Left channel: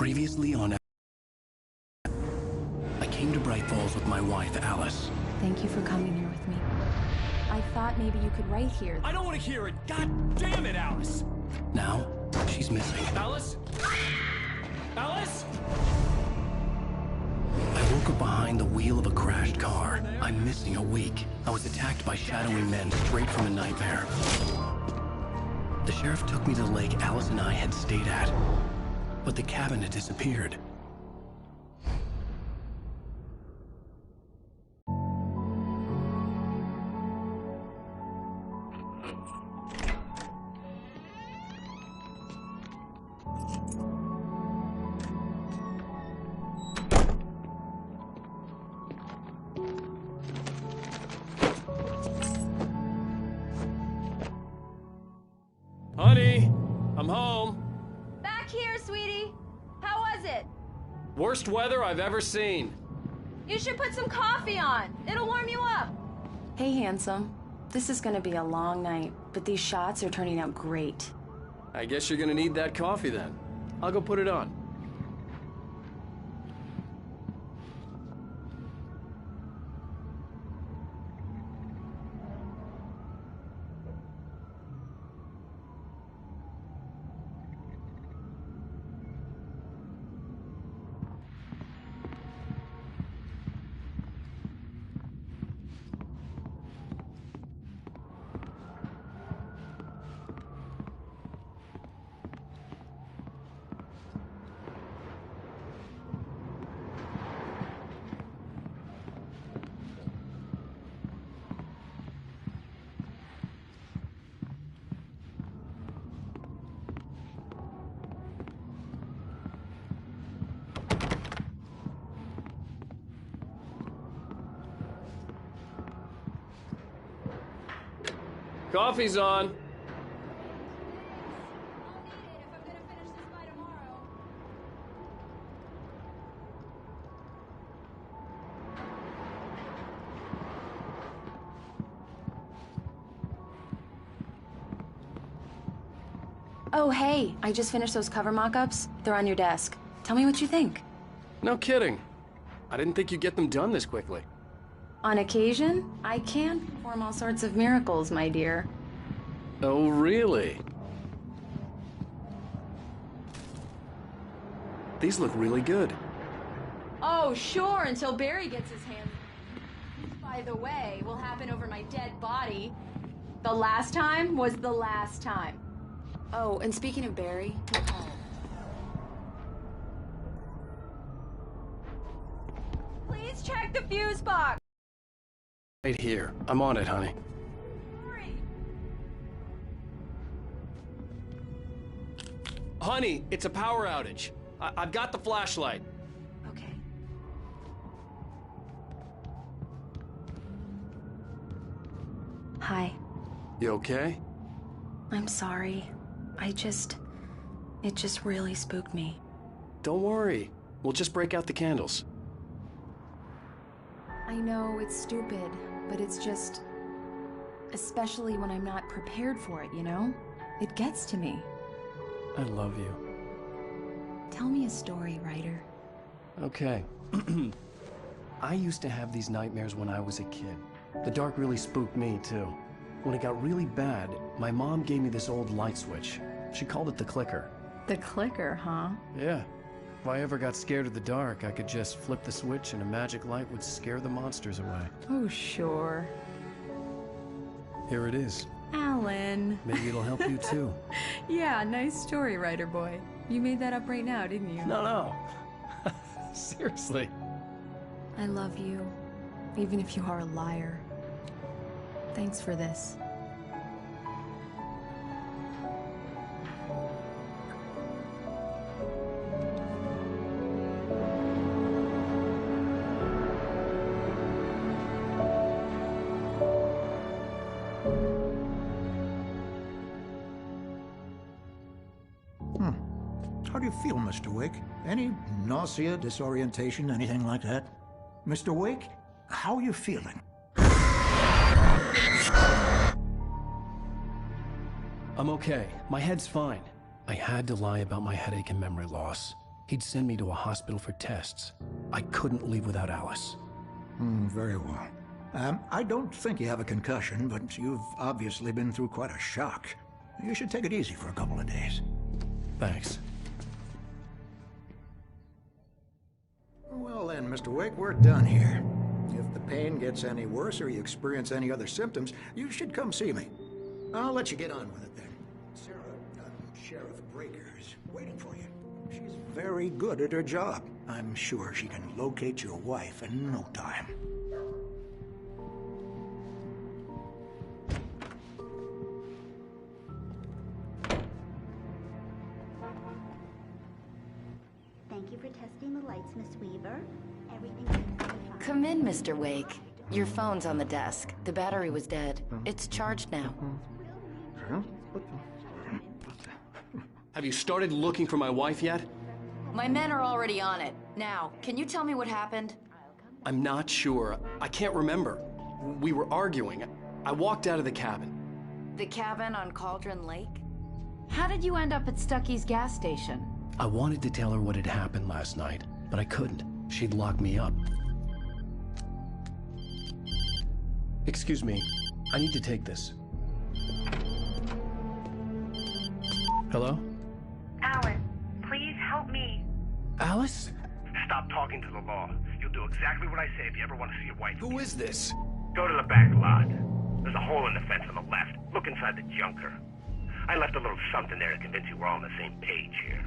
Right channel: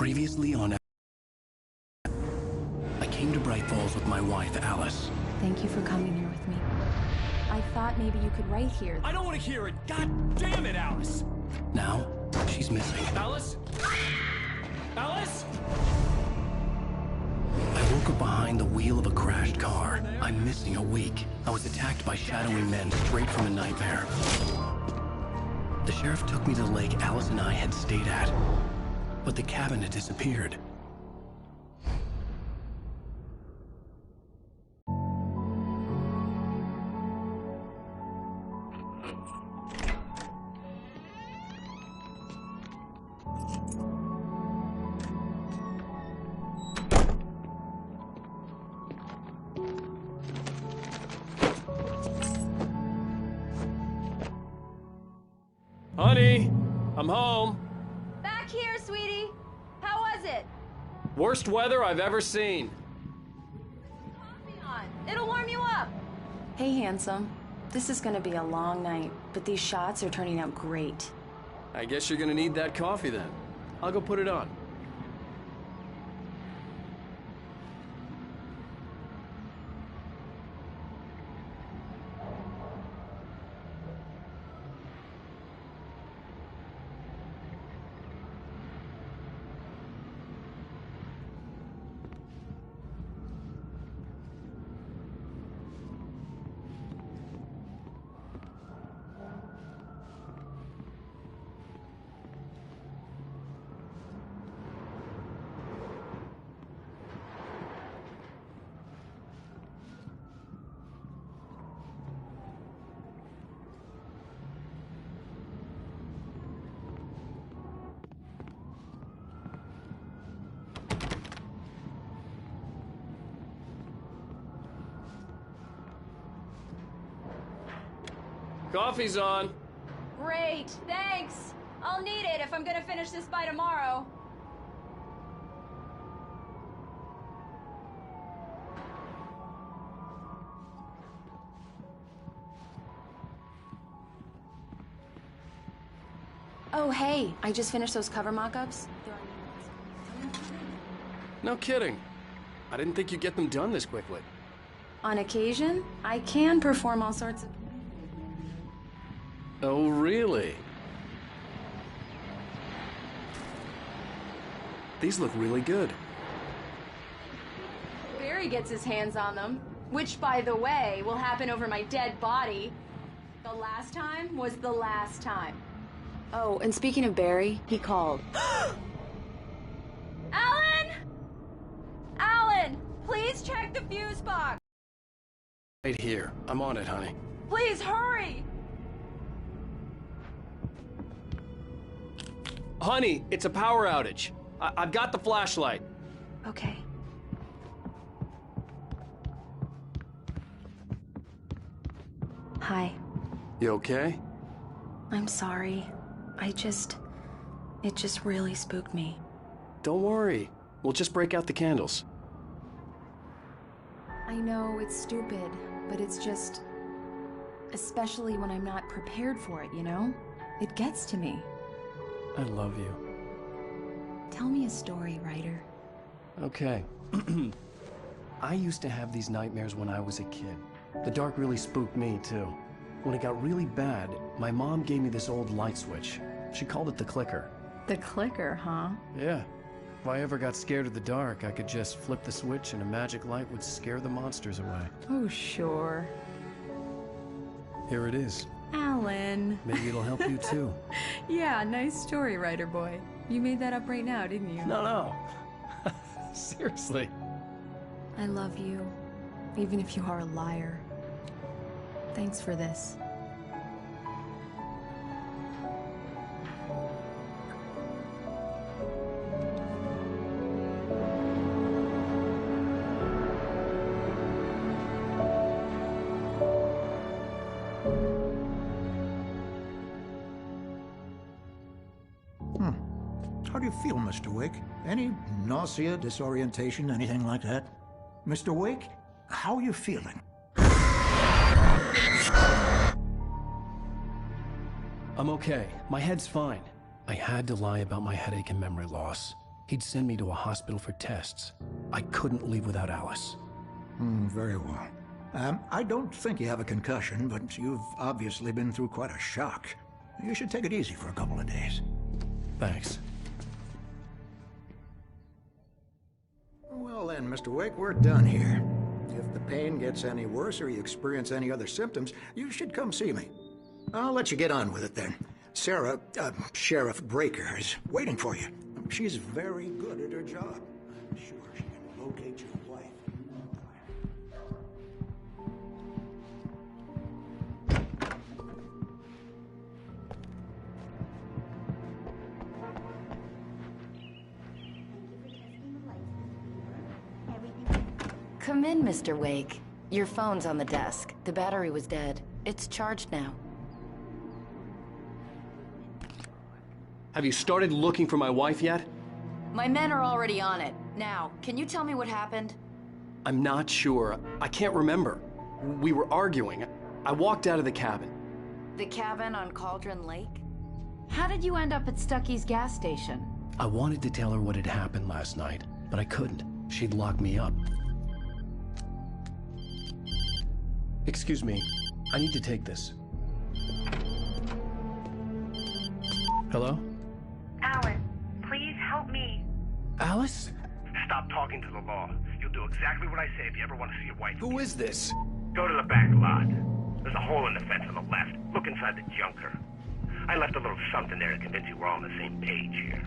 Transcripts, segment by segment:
Previously on... I came to Bright Falls with my wife, Alice. Thank you for coming here with me. I thought maybe you could write here. I don't want to hear it! God damn it, Alice! Now, she's missing. Alice? Alice? I woke up behind the wheel of a crashed car. I'm missing a week. I was attacked by shadowy men straight from a nightmare. The sheriff took me to the lake Alice and I had stayed at, but the cabin had disappeared. Honey, I'm home. Back here, sweetie. How was it? Worst weather I've ever seen. You should put some coffee on. It'll warm you up. Hey, handsome. This is gonna be a long night, but these shots are turning out great. I guess you're gonna need that coffee then. I'll go put it on. Coffee's on. Great, thanks. I'll need it if I'm gonna finish this by tomorrow. Oh, hey, I just finished those cover mock-ups. They're on your desk. Tell me what you think. No kidding. I didn't think you'd get them done this quickly. On occasion, I can perform all sorts of miracles, my dear. Oh, really? These look really good. Oh, sure, until Barry gets his hands on them. Which, by the way, will happen over my dead body. The last time was the last time. Oh, and speaking of Barry, he called. Alan! Alan, please check the fuse box. Right here. I'm on it, honey. Please hurry. Honey, it's a power outage. I've got the flashlight. Okay. Hi. You okay? I'm sorry. It just really spooked me. Don't worry. We'll just break out the candles. I know it's stupid, but it's just... especially when I'm not prepared for it, you know? It gets to me. I love you. Tell me a story, writer. Okay. I used to have these nightmares when I was a kid. The dark really spooked me, too. When it got really bad, my mom gave me this old light switch. She called it the clicker. The clicker, huh? Yeah. If I ever got scared of the dark, I could just flip the switch and a magic light would scare the monsters away. Oh, sure. Here it is. Alan. Maybe it'll help you, too. Yeah, nice story, writer boy. You made that up right now, didn't you? No. Seriously. I love you, even if you are a liar. Thanks for this. How do you feel, Mr. Wake? Any nausea, disorientation, anything like that? Mr. Wake, how are you feeling? I'm okay. My head's fine. I had to lie about my headache and memory loss. He'd send me to a hospital for tests. I couldn't leave without Alice. Very well. I don't think you have a concussion, but you've obviously been through quite a shock. You should take it easy for a couple of days. Thanks. Well then, Mr. Wake, we're done here. If the pain gets any worse or you experience any other symptoms, you should come see me. I'll let you get on with it then. Sarah, Sheriff Breaker, is waiting for you. She's very good at her job. I'm sure she can locate your wife in no time. Thank you for testing the lights, Miss Weaver. Everything. Come in, Mr. Wake. Your phone's on the desk. The battery was dead. It's charged now. Have you started looking for my wife yet? My men are already on it. Now, can you tell me what happened? I'm not sure. I can't remember. We were arguing. I walked out of the cabin. The cabin on Cauldron Lake? How did you end up at Stucky's gas station? I wanted to tell her what had happened last night, but I couldn't. She'd lock me up. Excuse me. I need to take this. Hello? Alan, please help me. Alice? Stop talking to the law. You'll do exactly what I say if you ever want to see your wife. Who is this? Go to the back lot. There's a hole in the fence on the left. Look inside the junker. I left a little something there to convince you we're all on the same page here.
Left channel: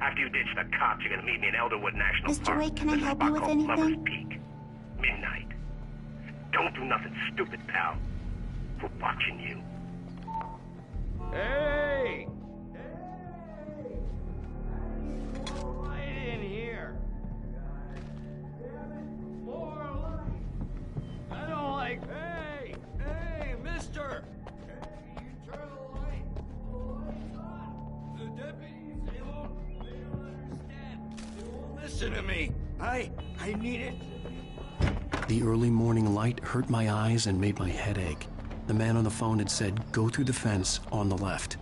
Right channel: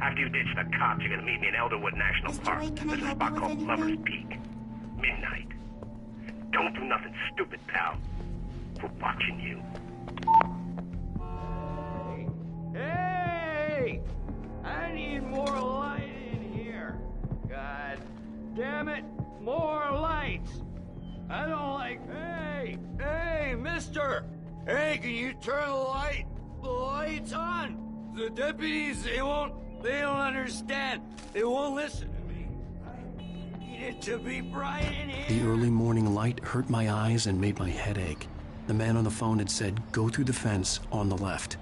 After you ditch the cops, you're gonna meet me in Elderwood National Mr. Park. Wake, can I There's a help spot you with called anything? Lover's Peak. Midnight. Don't do nothing stupid, pal. We're watching you. Hey! Hey! I need more light in here. God damn it, more lights. I don't like... Hey! Hey, mister! Hey, can you turn the lights on? The deputies, they don't understand. They won't listen to me. I need it to be bright in here. The early morning light hurt my eyes and made my head ache. The man on the phone had said, go through the fence on the left.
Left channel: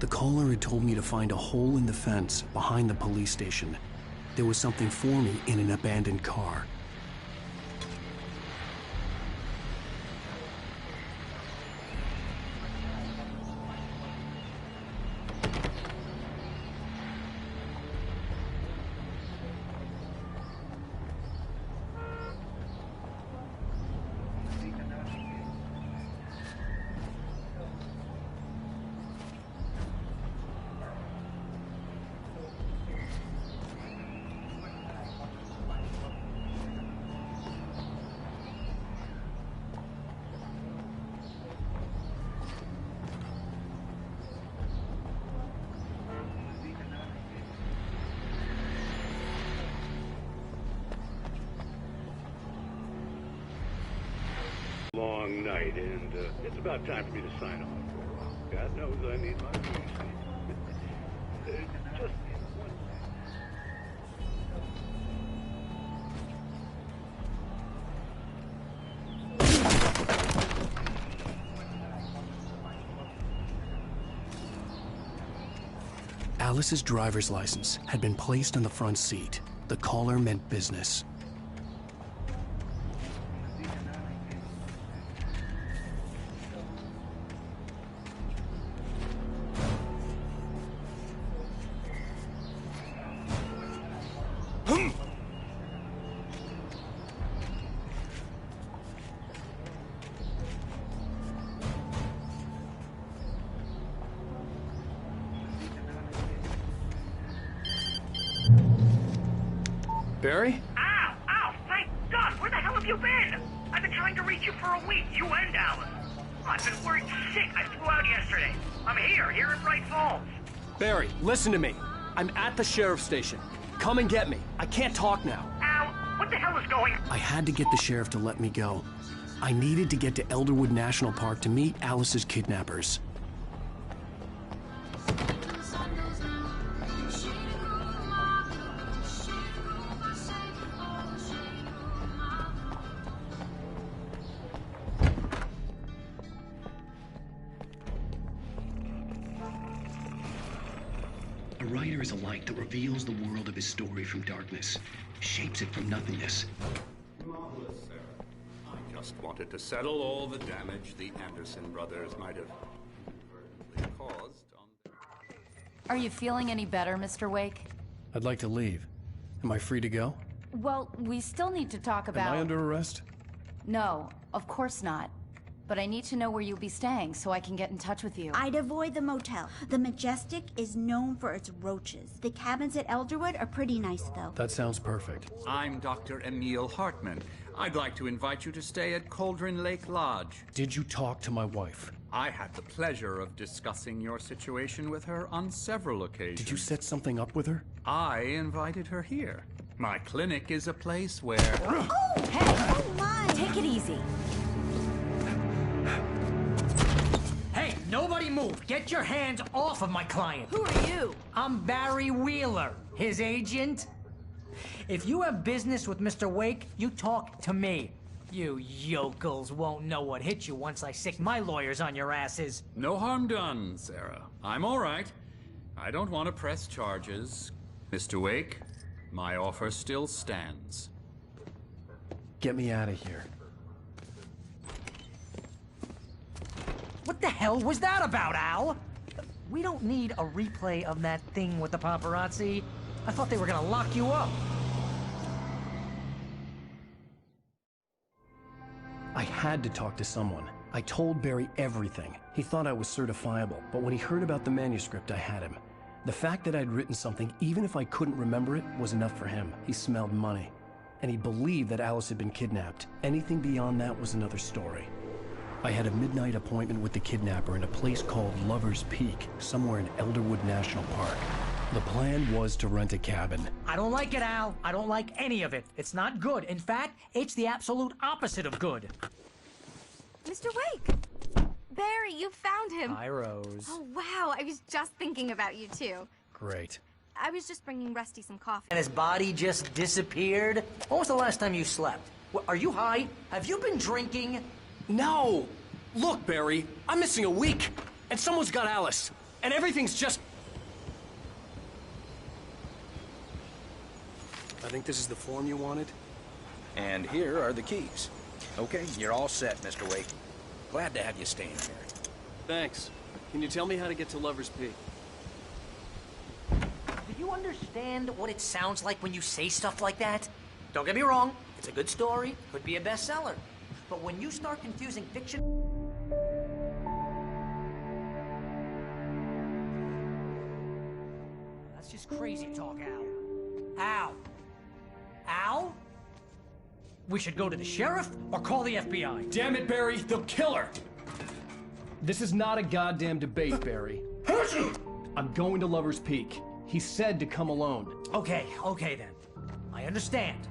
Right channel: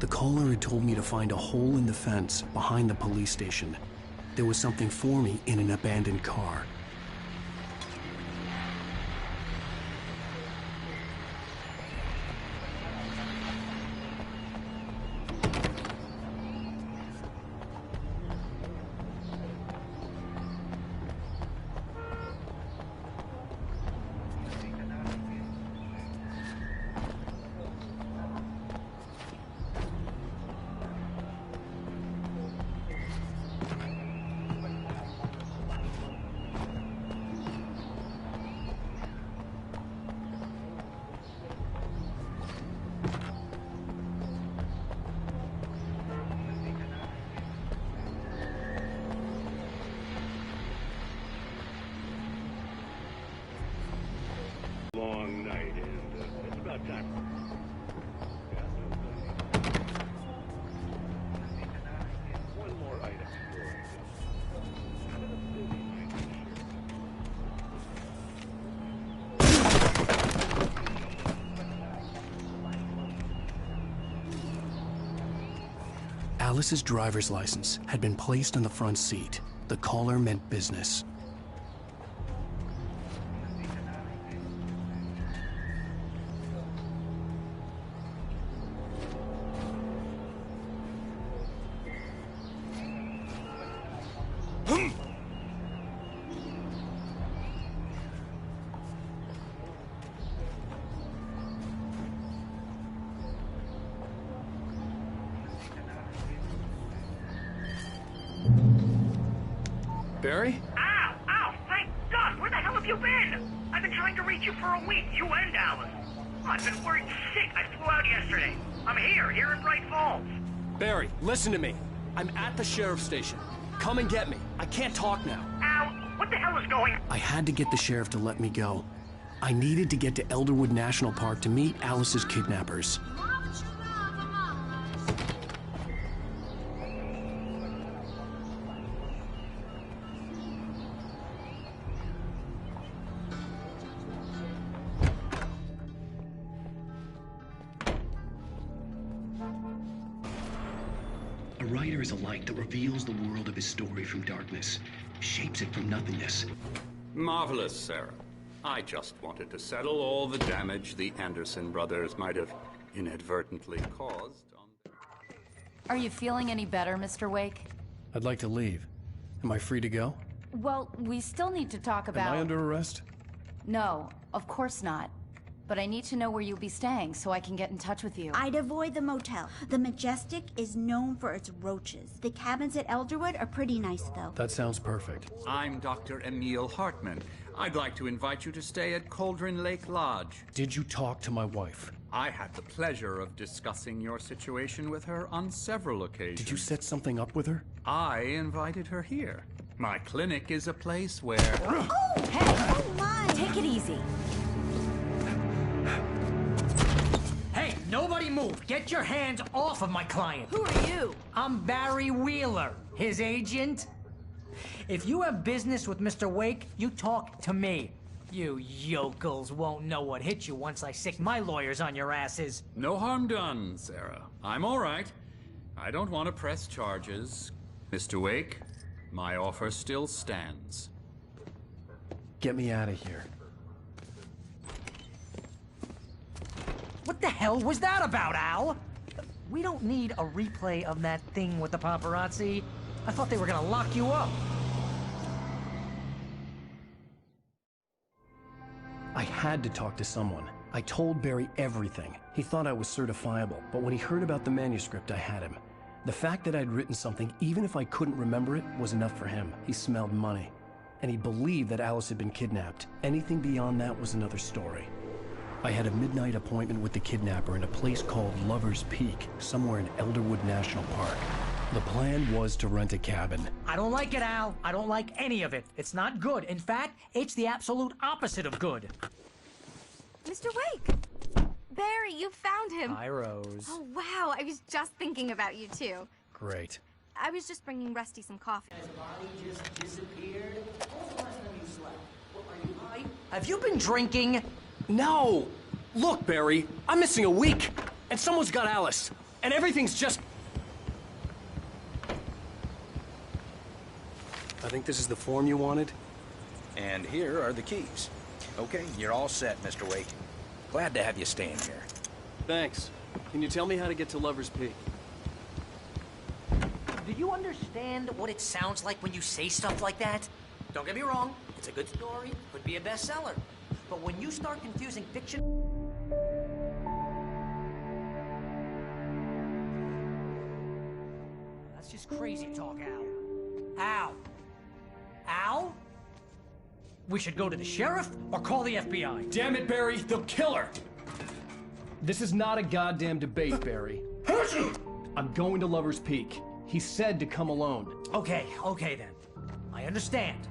The caller had told me to find a hole in the fence behind the police station. There was something for me in an abandoned car. Long night, and it's about time for me to sign off for a while. God knows I need my just one more item before I go. Alice's driver's license had been placed on the front seat. The caller meant business. Barry? Ow! Ow! Thank God! Where the hell have you been? I've been trying to reach you for a week, you and Alice. Oh, I've been worried sick. I flew out yesterday. I'm here in Bright Falls. Barry, listen to me. I'm at the sheriff's station. Come and get me. I can't talk now. Ow! What the hell is going on? I had to get the sheriff to let me go. I needed to get to Elderwood National Park to meet Alice's kidnappers. writer is a light that reveals the world of his story from darkness, shapes it from nothingness. Marvelous, Sarah. I just wanted to settle all the damage the Anderson brothers might have inadvertently caused on... Are you feeling any better, Mr. Wake? I'd like to leave. Am I free to go? Well, we still need to talk about... Am I under arrest? No, of course not. But I need to know where you'll be staying so I can get in touch with you. I'd avoid the motel. The Majestic is known for its roaches. The cabins at Elderwood are pretty nice, though. That sounds perfect. I'm Dr. Emil Hartman. I'd like to invite you to stay at Cauldron Lake Lodge. Did you talk to my wife? I had the pleasure of discussing your situation with her on several occasions. Did you set something up with her? I invited her here. My clinic is a place where... Oh, hey! Oh, my! Take it easy. Hey, nobody move! Get your hands off of my client! Who are you? I'm Barry Wheeler, his agent. If you have business with Mr. Wake, you talk to me. You yokels won't know what hit you once I sick my lawyers on your asses. No harm done, Sarah. I'm all right. I don't want to press charges. Mr. Wake, my offer still stands. Get me out of here. What the hell was that about, Al? We don't need a replay of that thing with the paparazzi. I thought they were gonna lock you up. I had to talk to someone. I told Barry everything. He thought I was certifiable, but when he heard about the manuscript, I had him. The fact that I'd written something, even if I couldn't remember it, was enough for him. He smelled money. And he believed that Alice had been kidnapped. Anything beyond that was another story. I had a midnight appointment with the kidnapper in a place called Lover's Peak, somewhere in Elderwood National Park. The plan was to rent a cabin. I don't like it, Al. I don't like any of it. It's not good. In fact, it's the absolute opposite of good. Mr. Wake! Barry, you found him! Hi, Rose. Oh, wow. I was just thinking about you, too. Great. I was just bringing Rusty some coffee. And his body just disappeared? When was the last time you slept? Are you high? Have you been drinking? No! Look, Barry, I'm missing a week, and someone's got Alice, and everything's just... I think this is the form you wanted. And here are the keys. Okay, you're all set, Mr. Wake. Glad to have you staying here. Thanks. Can you tell me how to get to Lover's Peak? Do you understand what it sounds like when you say stuff like that? Don't get me wrong, it's a good story, could be a bestseller. But when you start confusing fiction... That's just crazy talk, Al. Al? Al? We should go to the sheriff or call the FBI. Damn it, Barry, they'll kill her! This is not a goddamn debate, Barry. I'm going to Lover's Peak. He said to come alone. Okay then. I understand.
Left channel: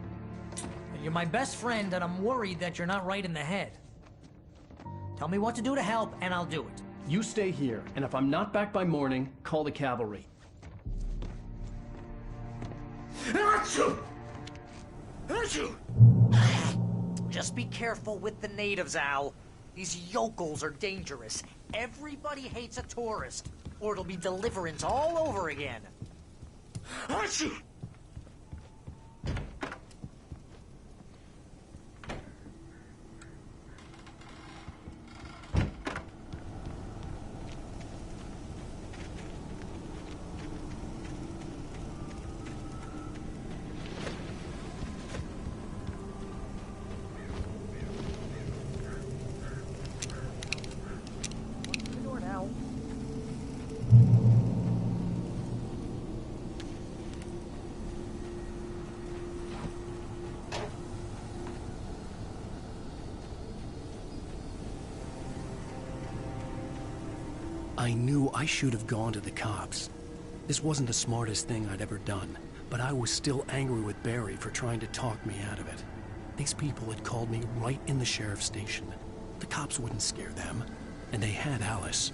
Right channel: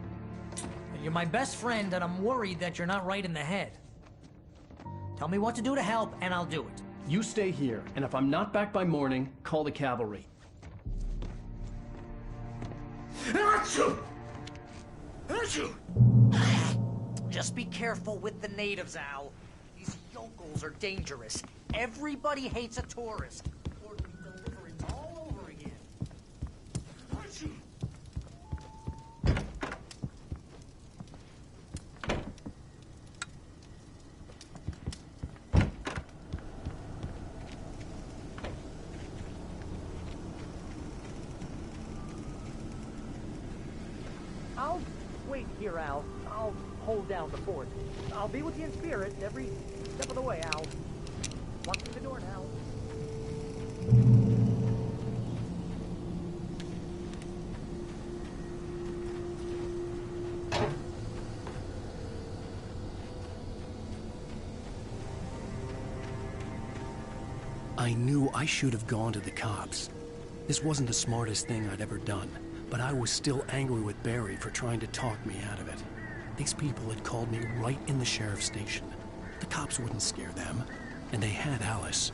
You're my best friend, and I'm worried that you're not right in the head. Tell me what to do to help, and I'll do it. You stay here, and if I'm not back by morning, call the cavalry. Just be careful with the natives, Al. These yokels are dangerous. Everybody hates a tourist, or it'll be Deliverance all over again. I'll wait here, Al. I'll hold down the fort. I'll be with you in spirit every step of the way, Al. Walk through the door now. I knew I should have gone to the cops. This wasn't the smartest thing I'd ever done, but I was still angry with Barry for trying to talk me out of it. These people had called me right in the sheriff's station. The cops wouldn't scare them, and they had Alice.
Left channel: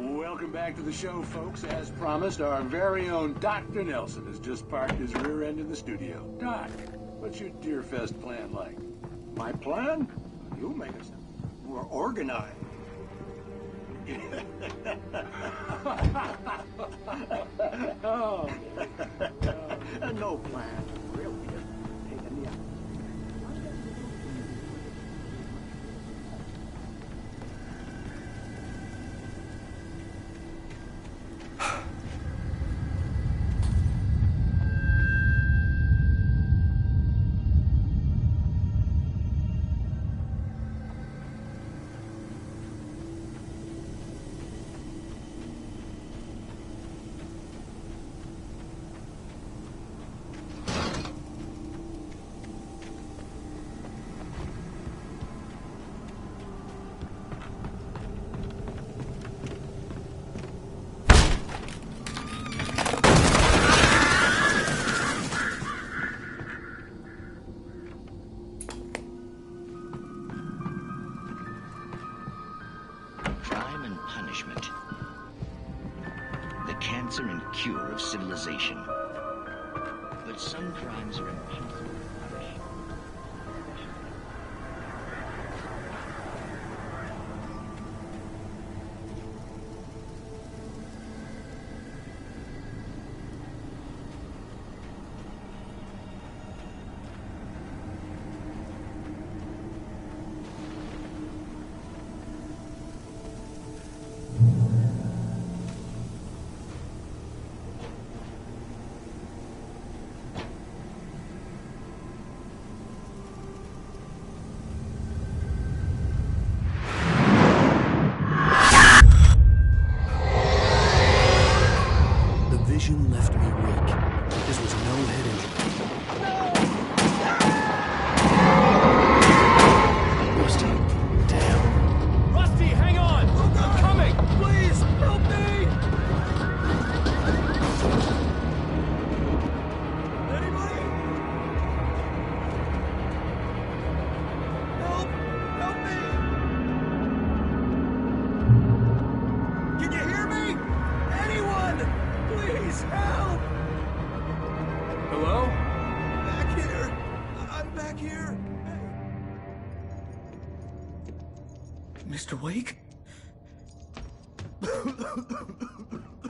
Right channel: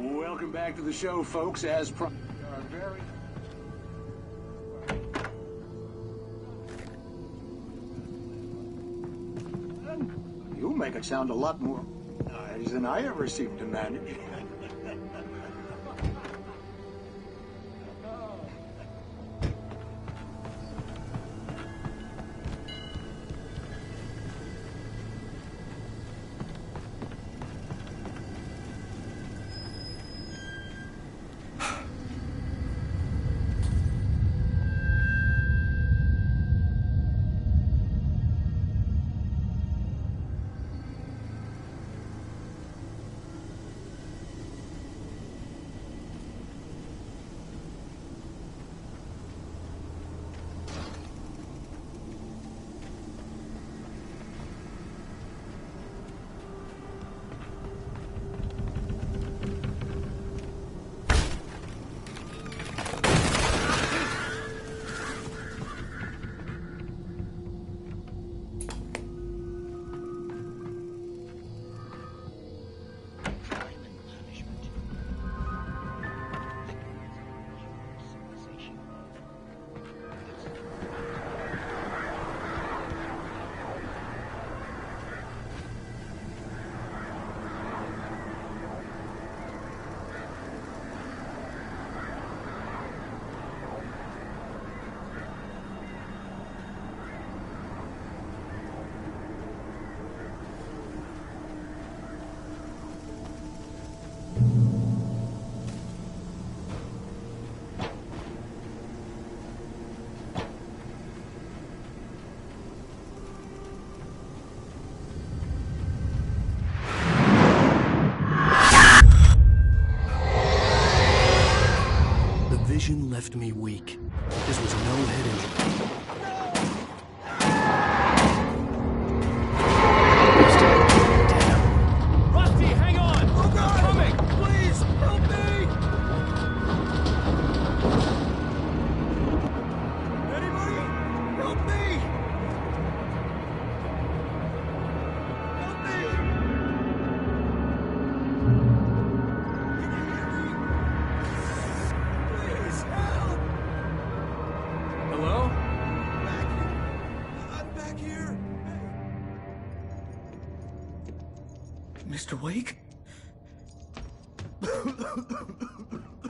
Welcome back to the show, folks. As promised, our very own Dr. Nelson has just parked his rear end in the studio. Doc, what's your Deerfest plan like? My plan? You make it sound a lot more organized than I ever seem to manage. Oh. No plan. Cure of civilization. But some crimes are vision left me weak. This was no head injury. Rusty, damn. Rusty, hang on! Oh God! I'm coming! Please, help me! Anybody? Help me! Help me! Can you hear me? Anyone? Please, help! Hello? Back here. I'm back here. Mr. Wake?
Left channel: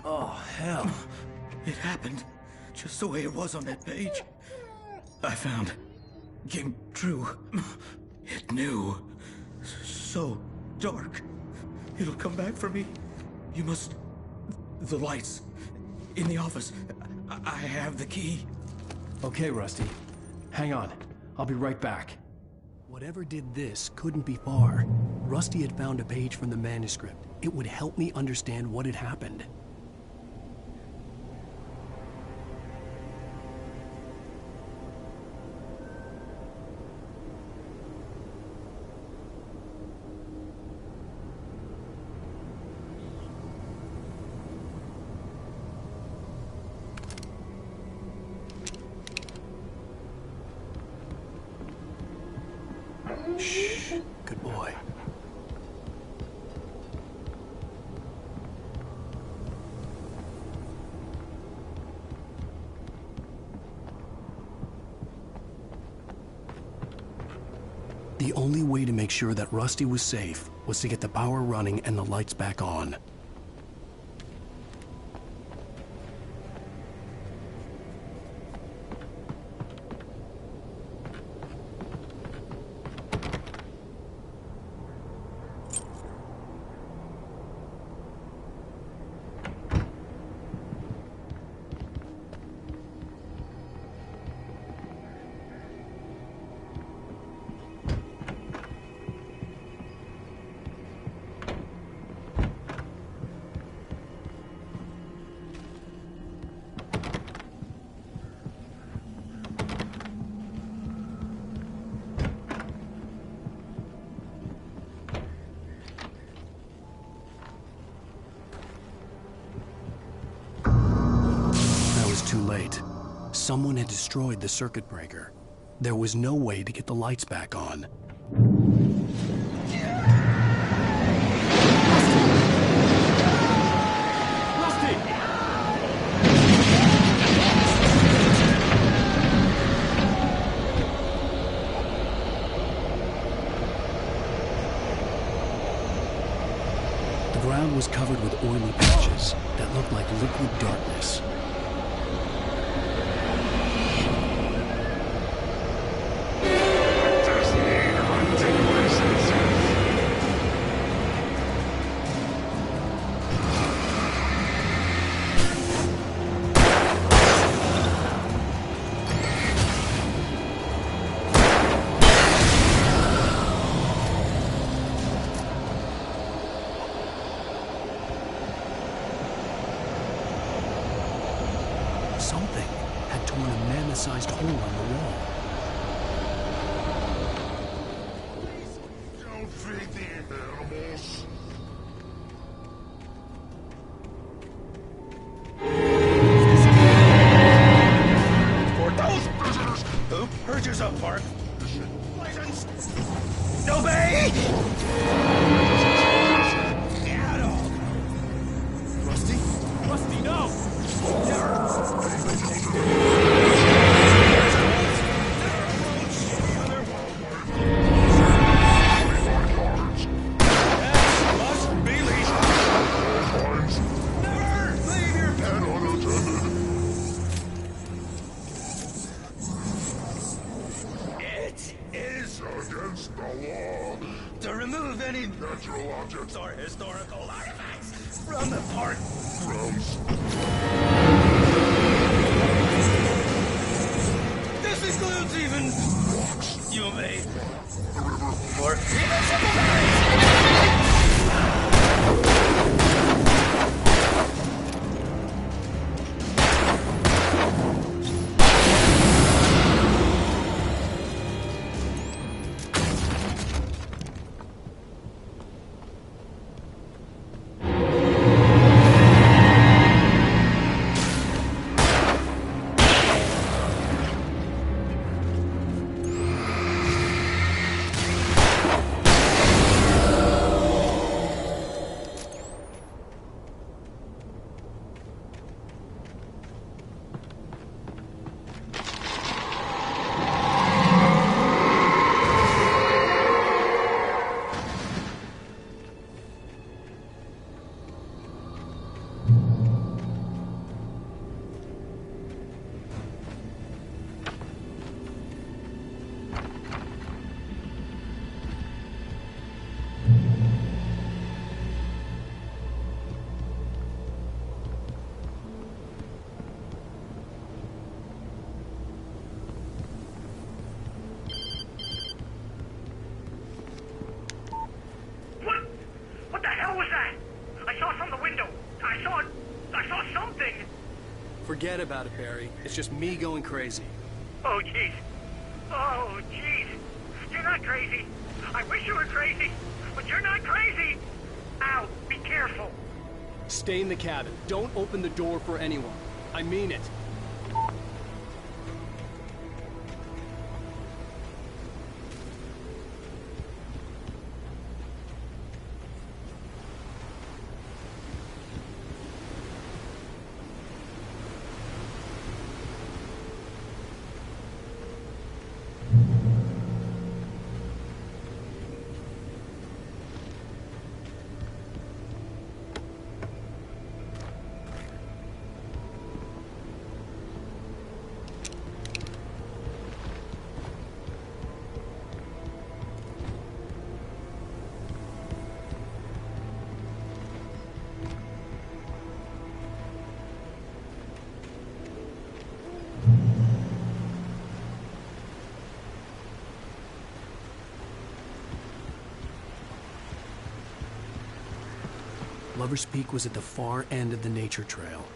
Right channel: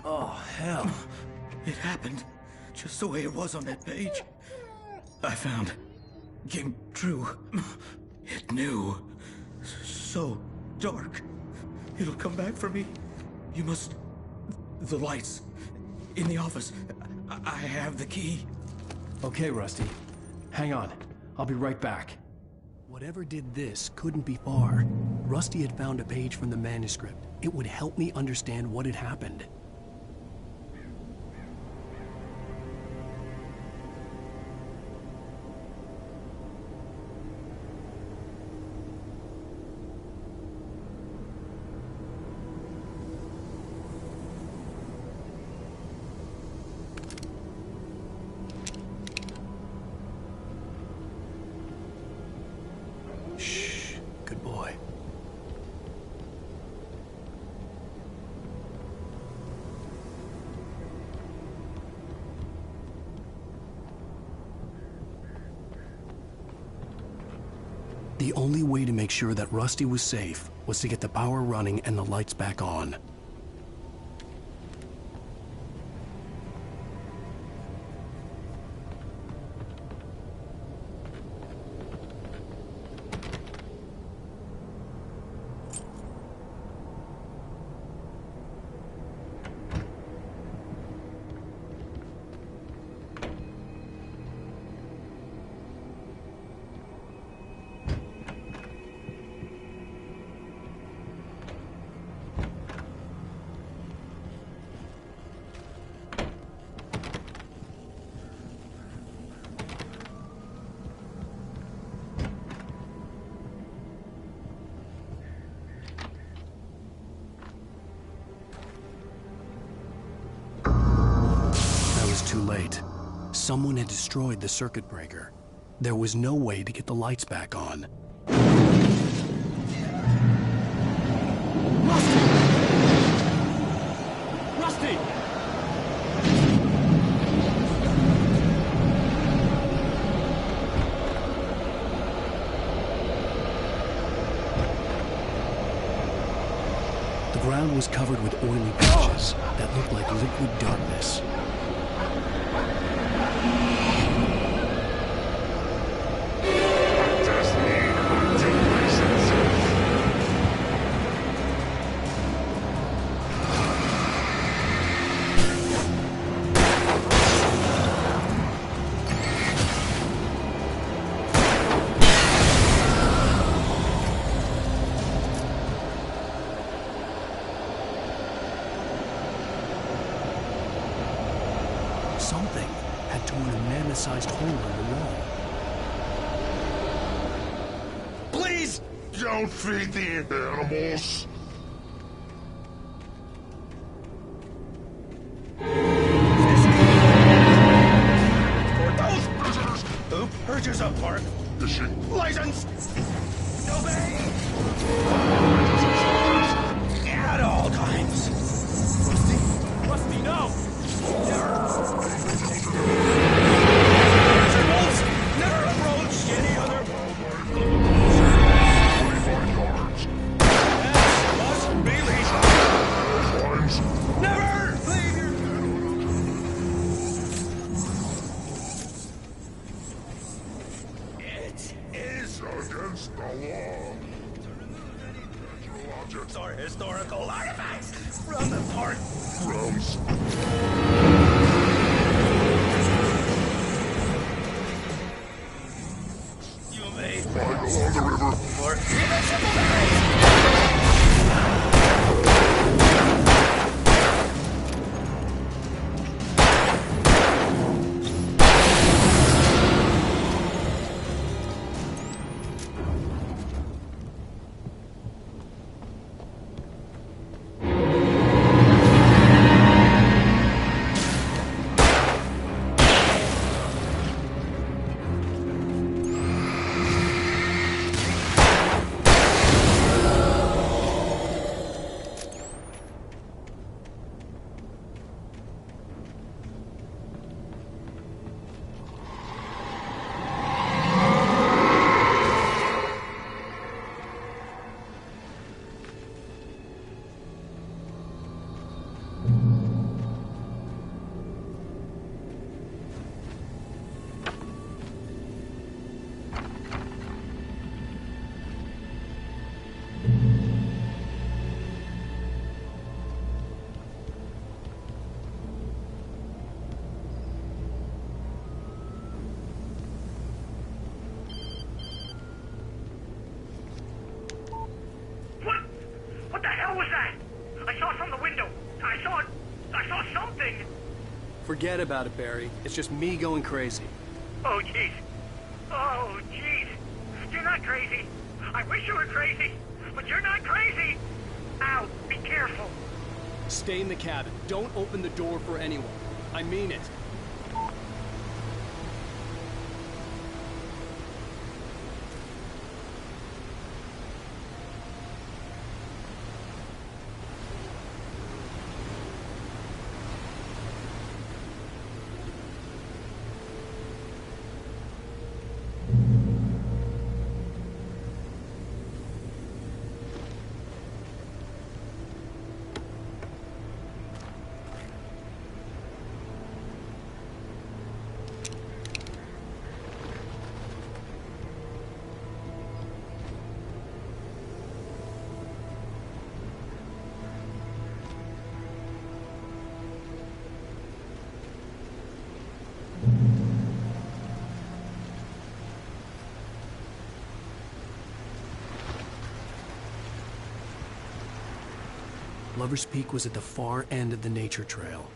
Oh, hell. It happened just the way it was on that page. I found. Came true. It knew. So dark. It'll come back for me. You must... The lights. In the office. I have the key. Okay, Rusty. Hang on. I'll be right back. Whatever did this couldn't be far. Rusty had found a page from the manuscript. It would help me understand what had happened. Shh. Good boy. The only way to make sure that Rusty was safe was to get the power running and the lights back on. Too late. Someone had destroyed the circuit breaker. There was no way to get the lights back on. ground was covered with oily patches that looked like liquid darkness. I just need hunting licenses. Something had torn a mammoth-sized hole in the wall. Please don't feed the animals. For those visitors who purchase a park license, obey at all times. Rusty? Rusty, no! Lizard wolves never approach any other wildlife. 25 yards. That must be leashed. Fines. Never leave your And unattended. It is Against the law. to remove any Natural objects or historical artifacts from the park grounds. This includes even you may Right along the river. or even simple berries. What the hell was that? I saw from the window. I saw something. Forget about it, Barry. It's just me going crazy. Oh, jeez. Oh, jeez. You're not crazy. I wish you were crazy, but you're not crazy. Ow, be careful. Stay in the cabin. Don't open the door for anyone. I mean it. Lover's Peak was at the far end of the nature trail.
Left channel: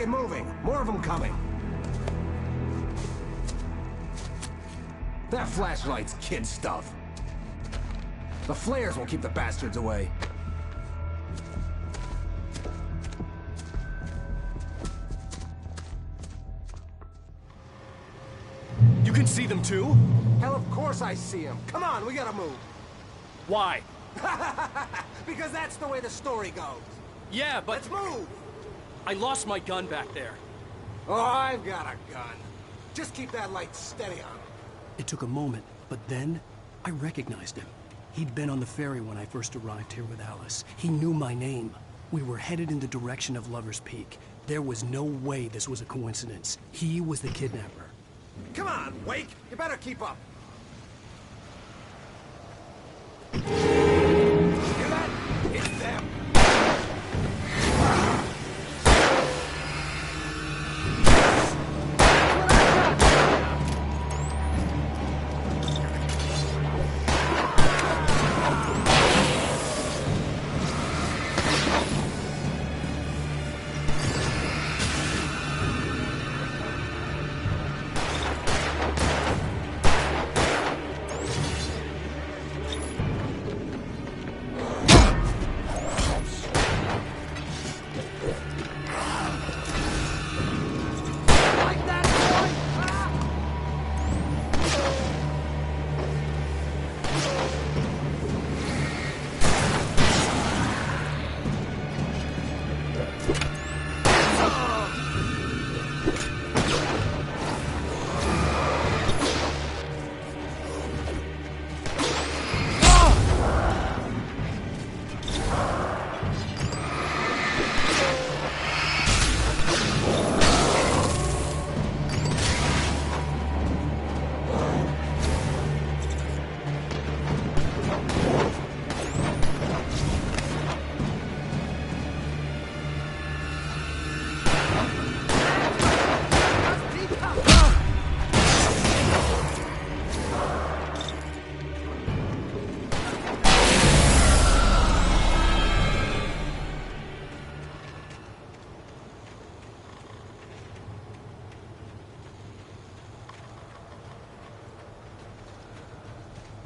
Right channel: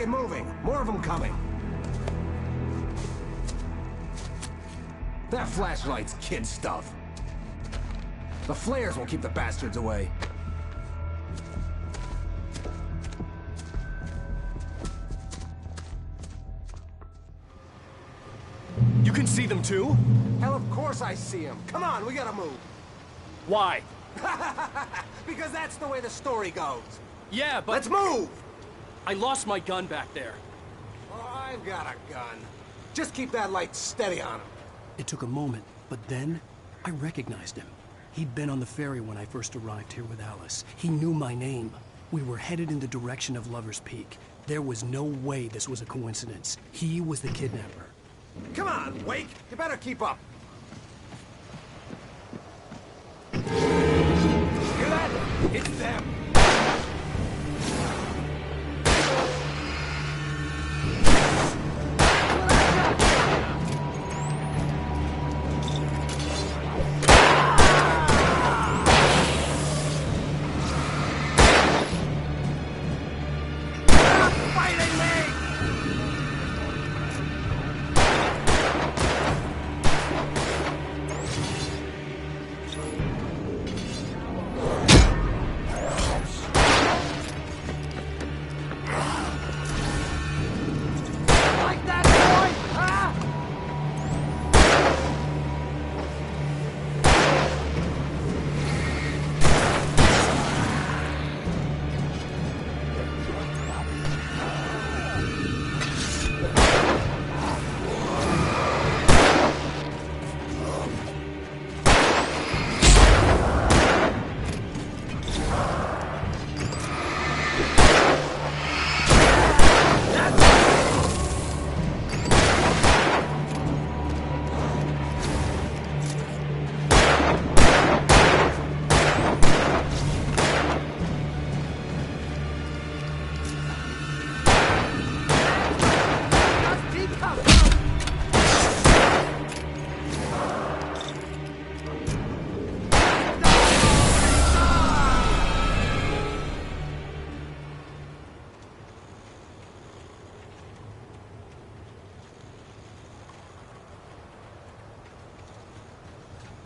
get moving. More of them coming. That flashlight's kid stuff. The flares will keep the bastards away. You can see them too? Hell, of course I see them. Come on, we gotta move. Why? Because that's the way the story goes. Yeah, but... Let's move! I lost my gun back there. Oh, I've got a gun. Just keep that light steady on him. It took a moment, but then I recognized him. He'd been on the ferry when I first arrived here with Alice. He knew my name. We were headed in the direction of Lover's Peak. There was no way this was a coincidence. He was the kidnapper. Come on, Wake! You better keep up. Hear that? It's them.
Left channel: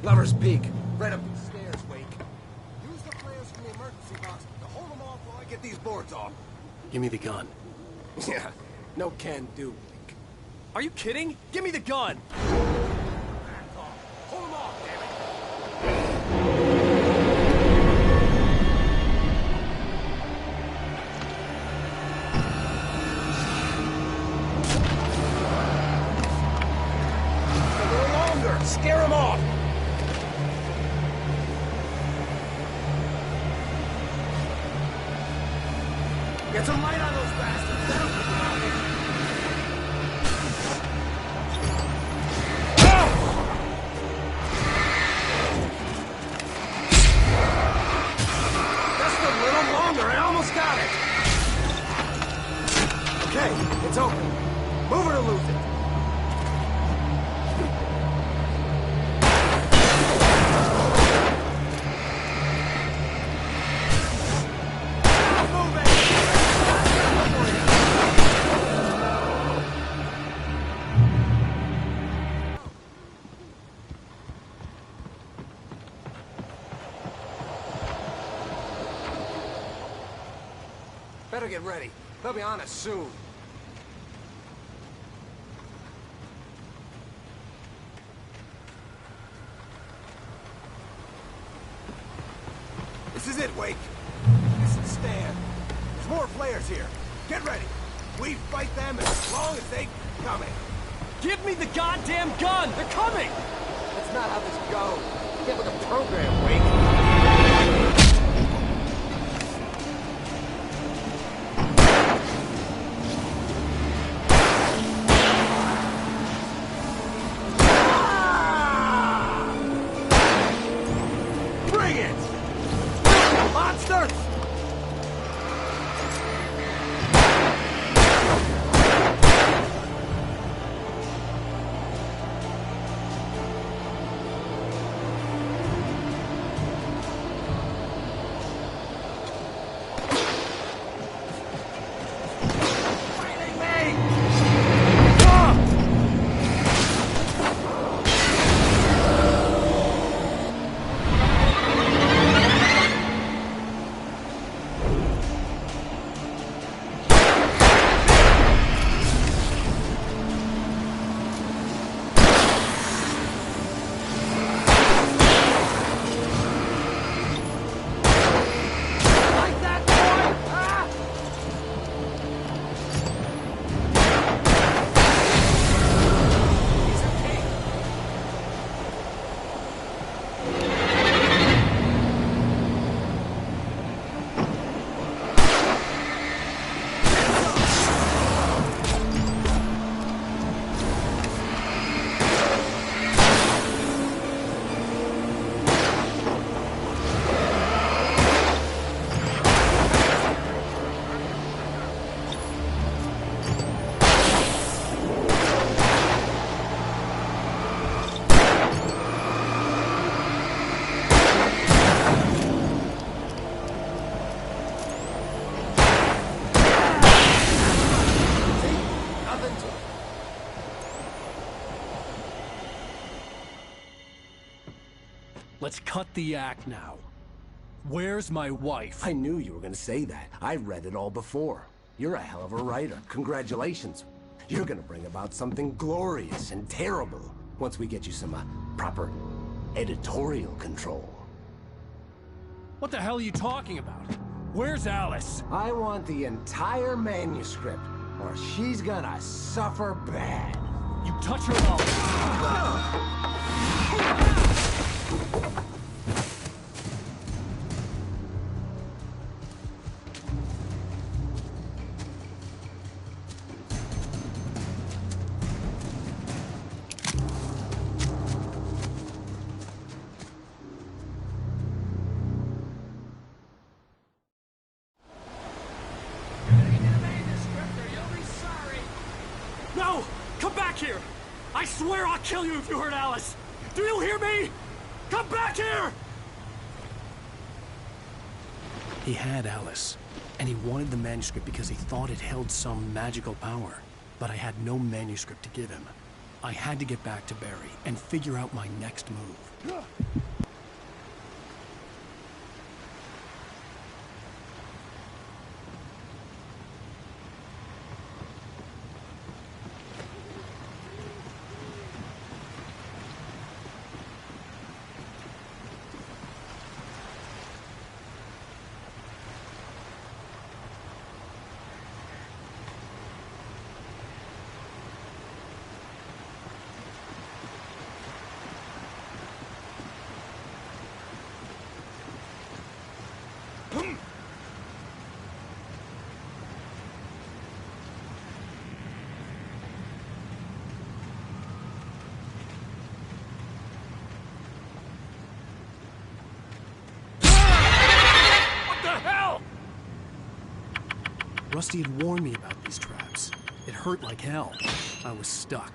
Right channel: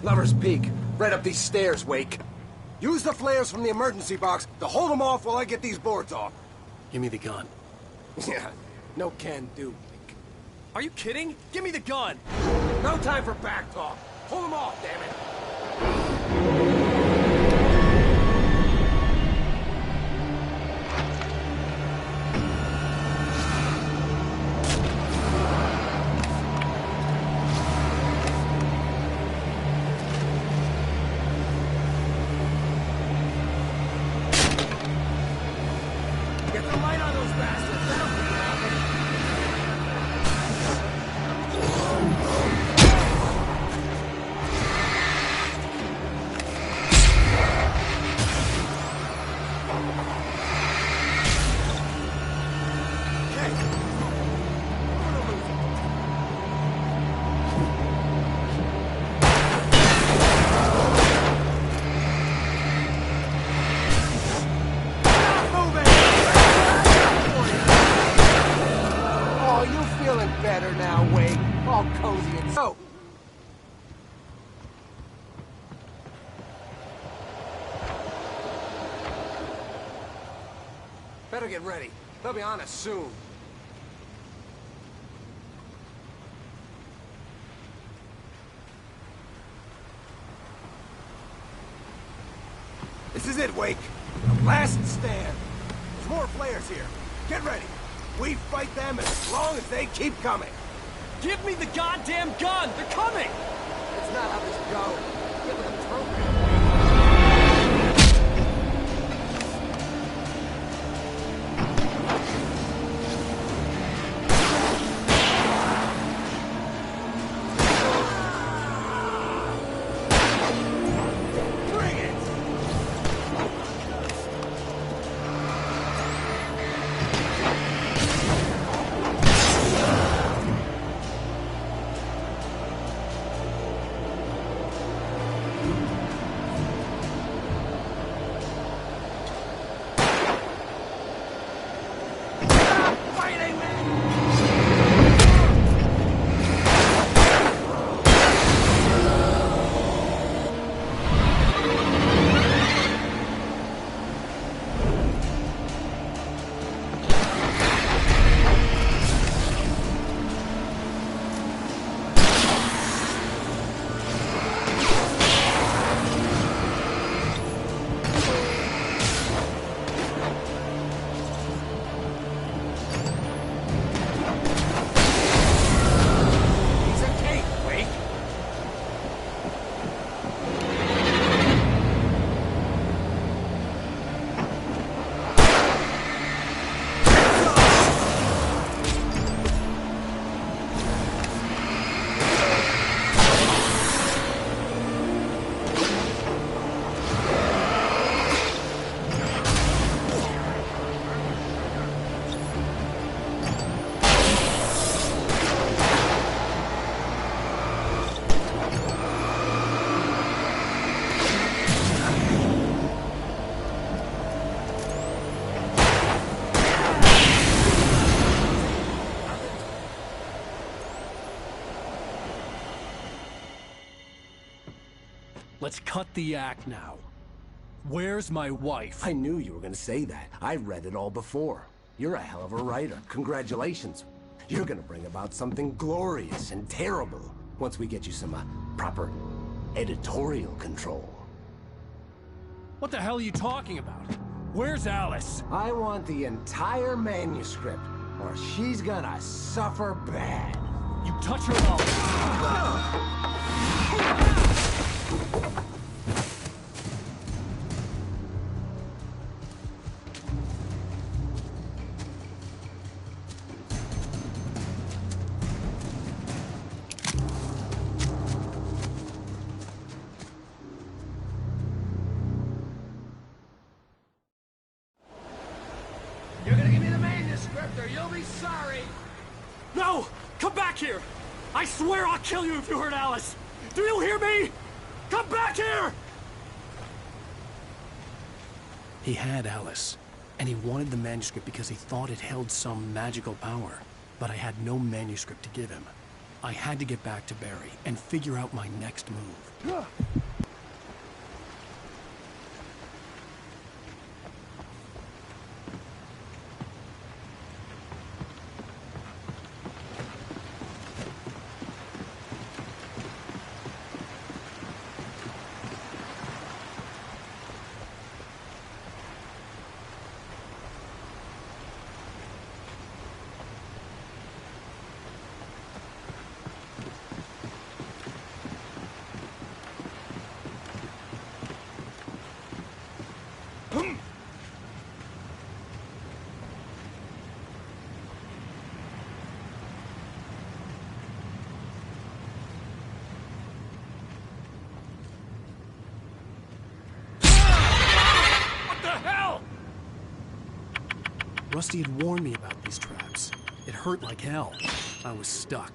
Lover's Peak. Right up these stairs, Wake. Use the flares from the emergency box to hold them off while I get these boards off. Give me the gun. Yeah, no can do, Wake. Are you kidding? Give me the gun! No time for back talk. Hold them off, damn it. A little longer. Scare them off. Get some light on those bastards. That'll make it happen. Just a little longer. I almost got it. Okay, it's open. Move it or lose it. Better get ready. They'll be on us soon. This is it, Wake. The last stand. There's more flares here. Get ready. We fight them as long as they keep coming. Give me the goddamn gun! They're coming! That's not how this goes. Get with the program, Wake. Let's cut the act now. Where's my wife? I knew you were gonna say that. I read it all before. You're a hell of a writer. Congratulations. You're gonna bring about something glorious and terrible once we get you some proper editorial control. What the hell are you talking about? Where's Alice? I want the entire manuscript, or she's gonna suffer bad. You touch her at all. You're gonna give me the manuscript, or you'll be sorry. No! Come back here! I swear I'll kill you if you hurt Alice! Do you hear me? Come back here! He had Alice, and he wanted the manuscript because he thought it held some magical power. But I had no manuscript to give him. I had to get back to Barry and figure out my next move. Rusty had warned me about these traps. It hurt like hell. I was stuck.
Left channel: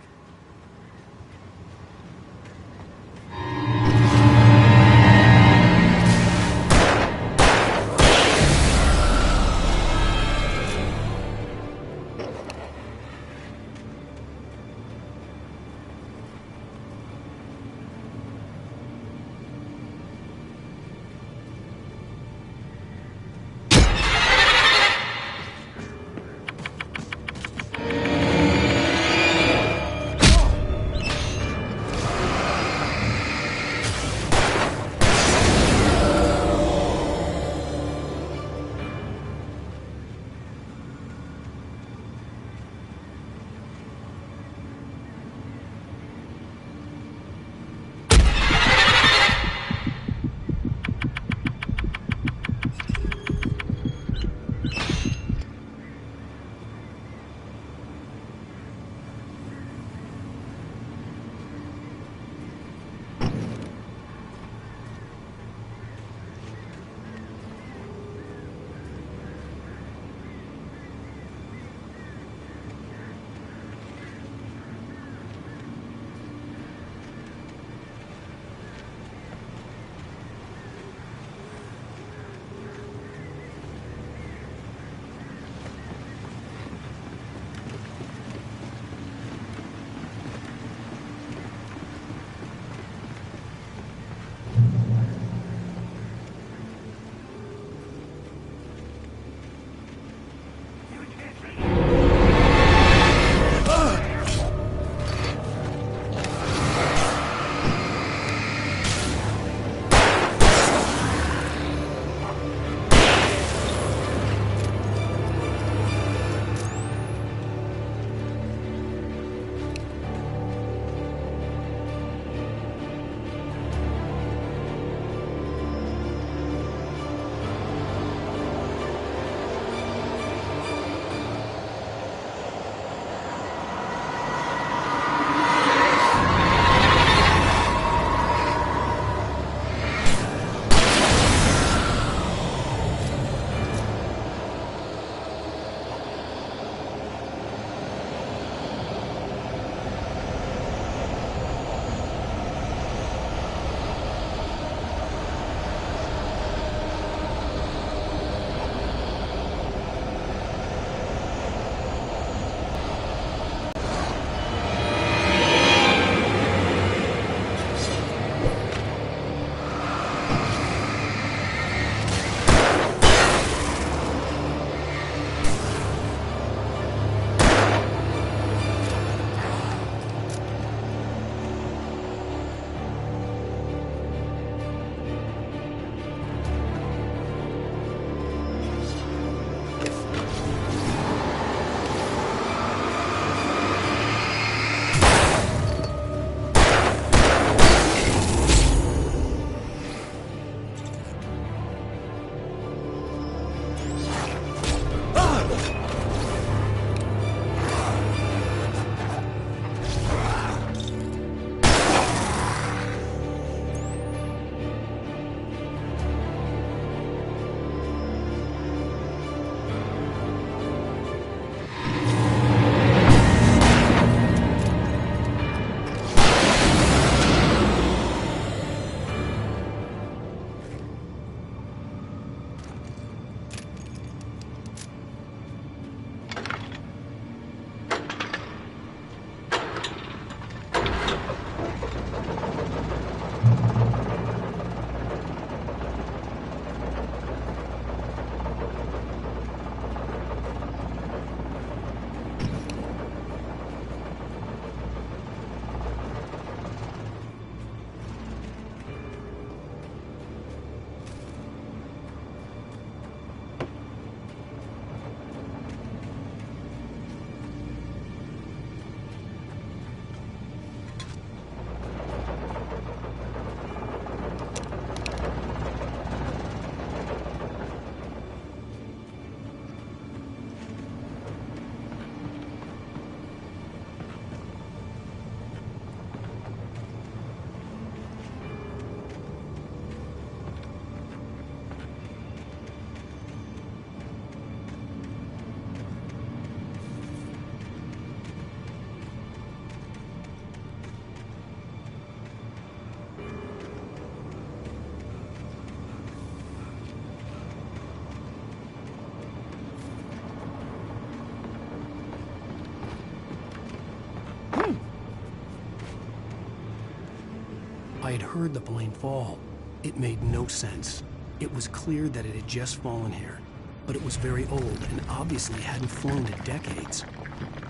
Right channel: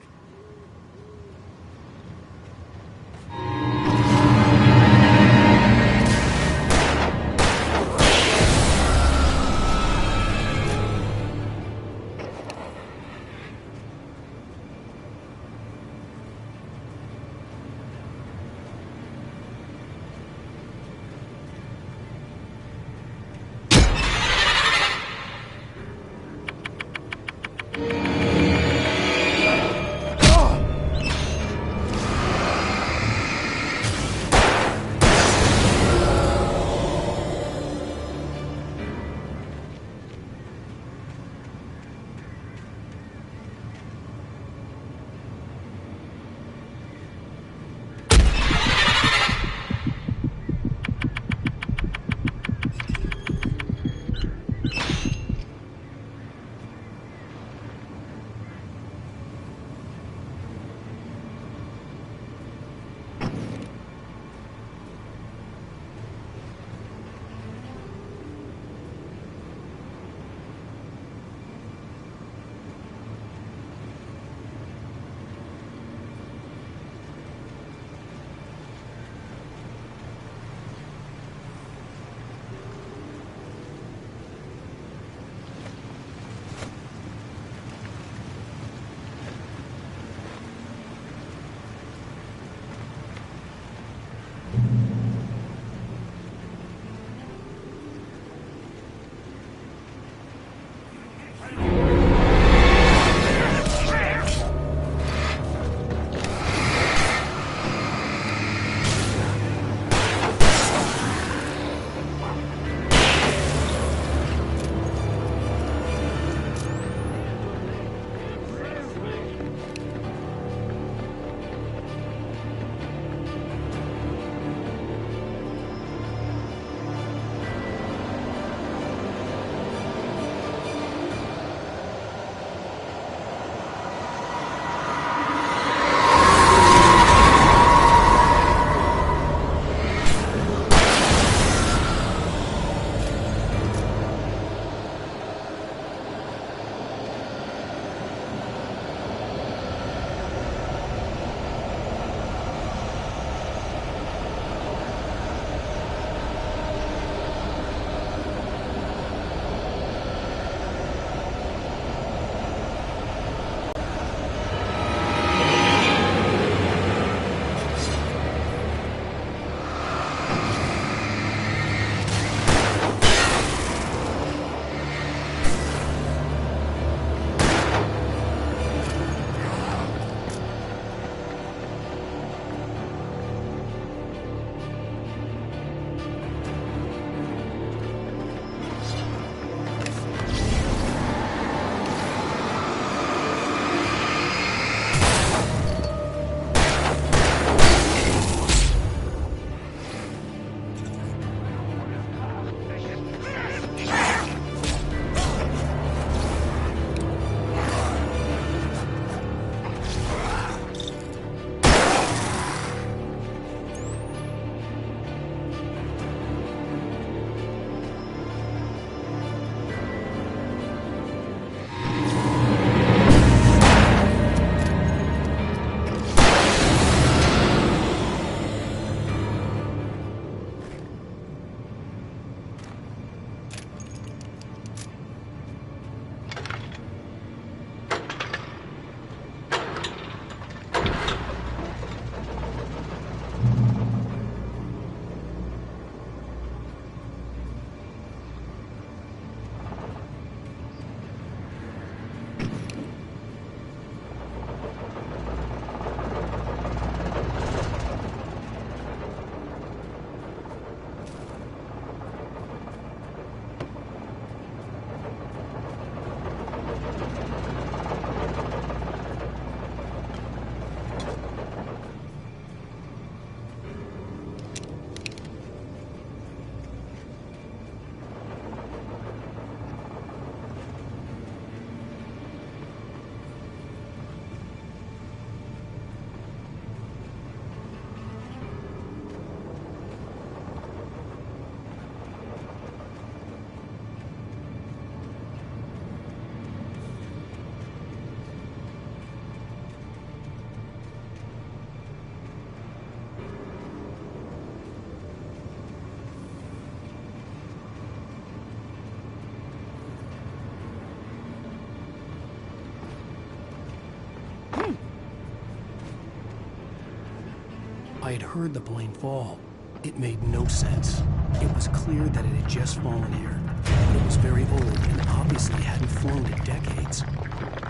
I had heard the plane fall. It made no sense. It was clear that it had just fallen here, but it was very old and obviously hadn't flown in decades.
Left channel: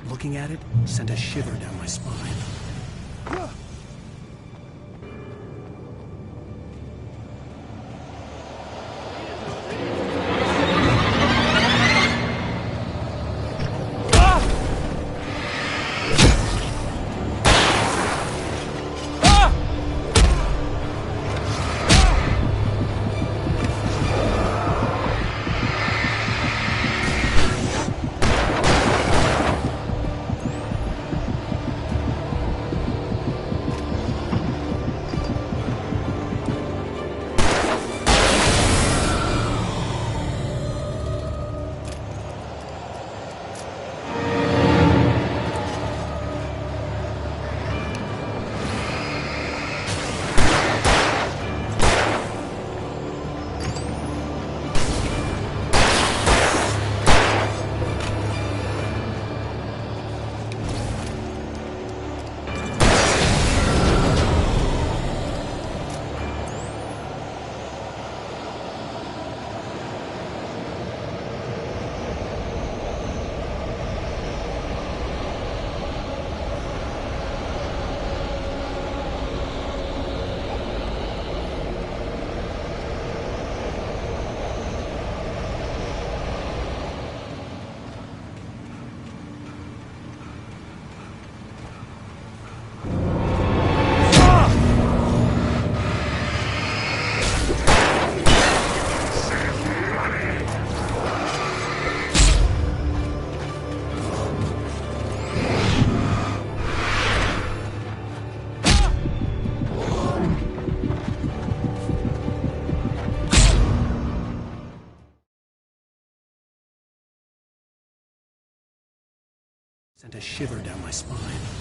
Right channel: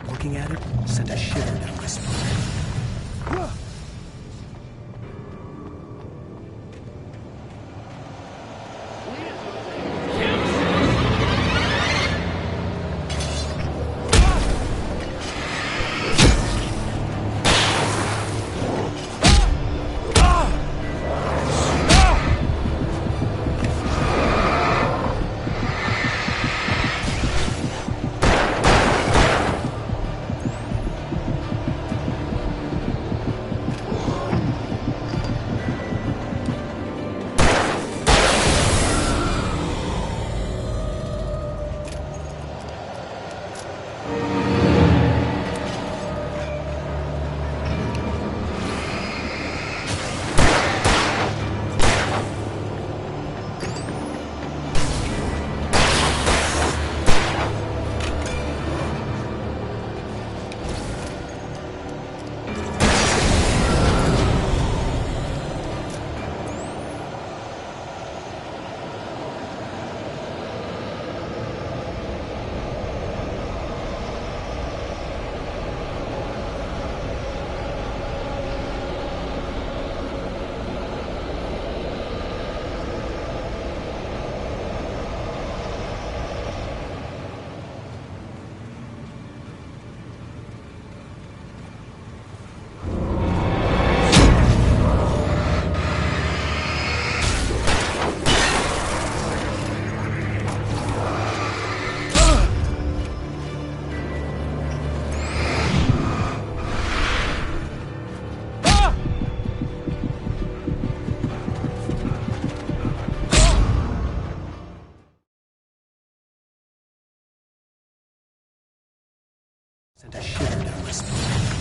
Looking at it sent a shiver down my spine. Sent a shiver down my spine.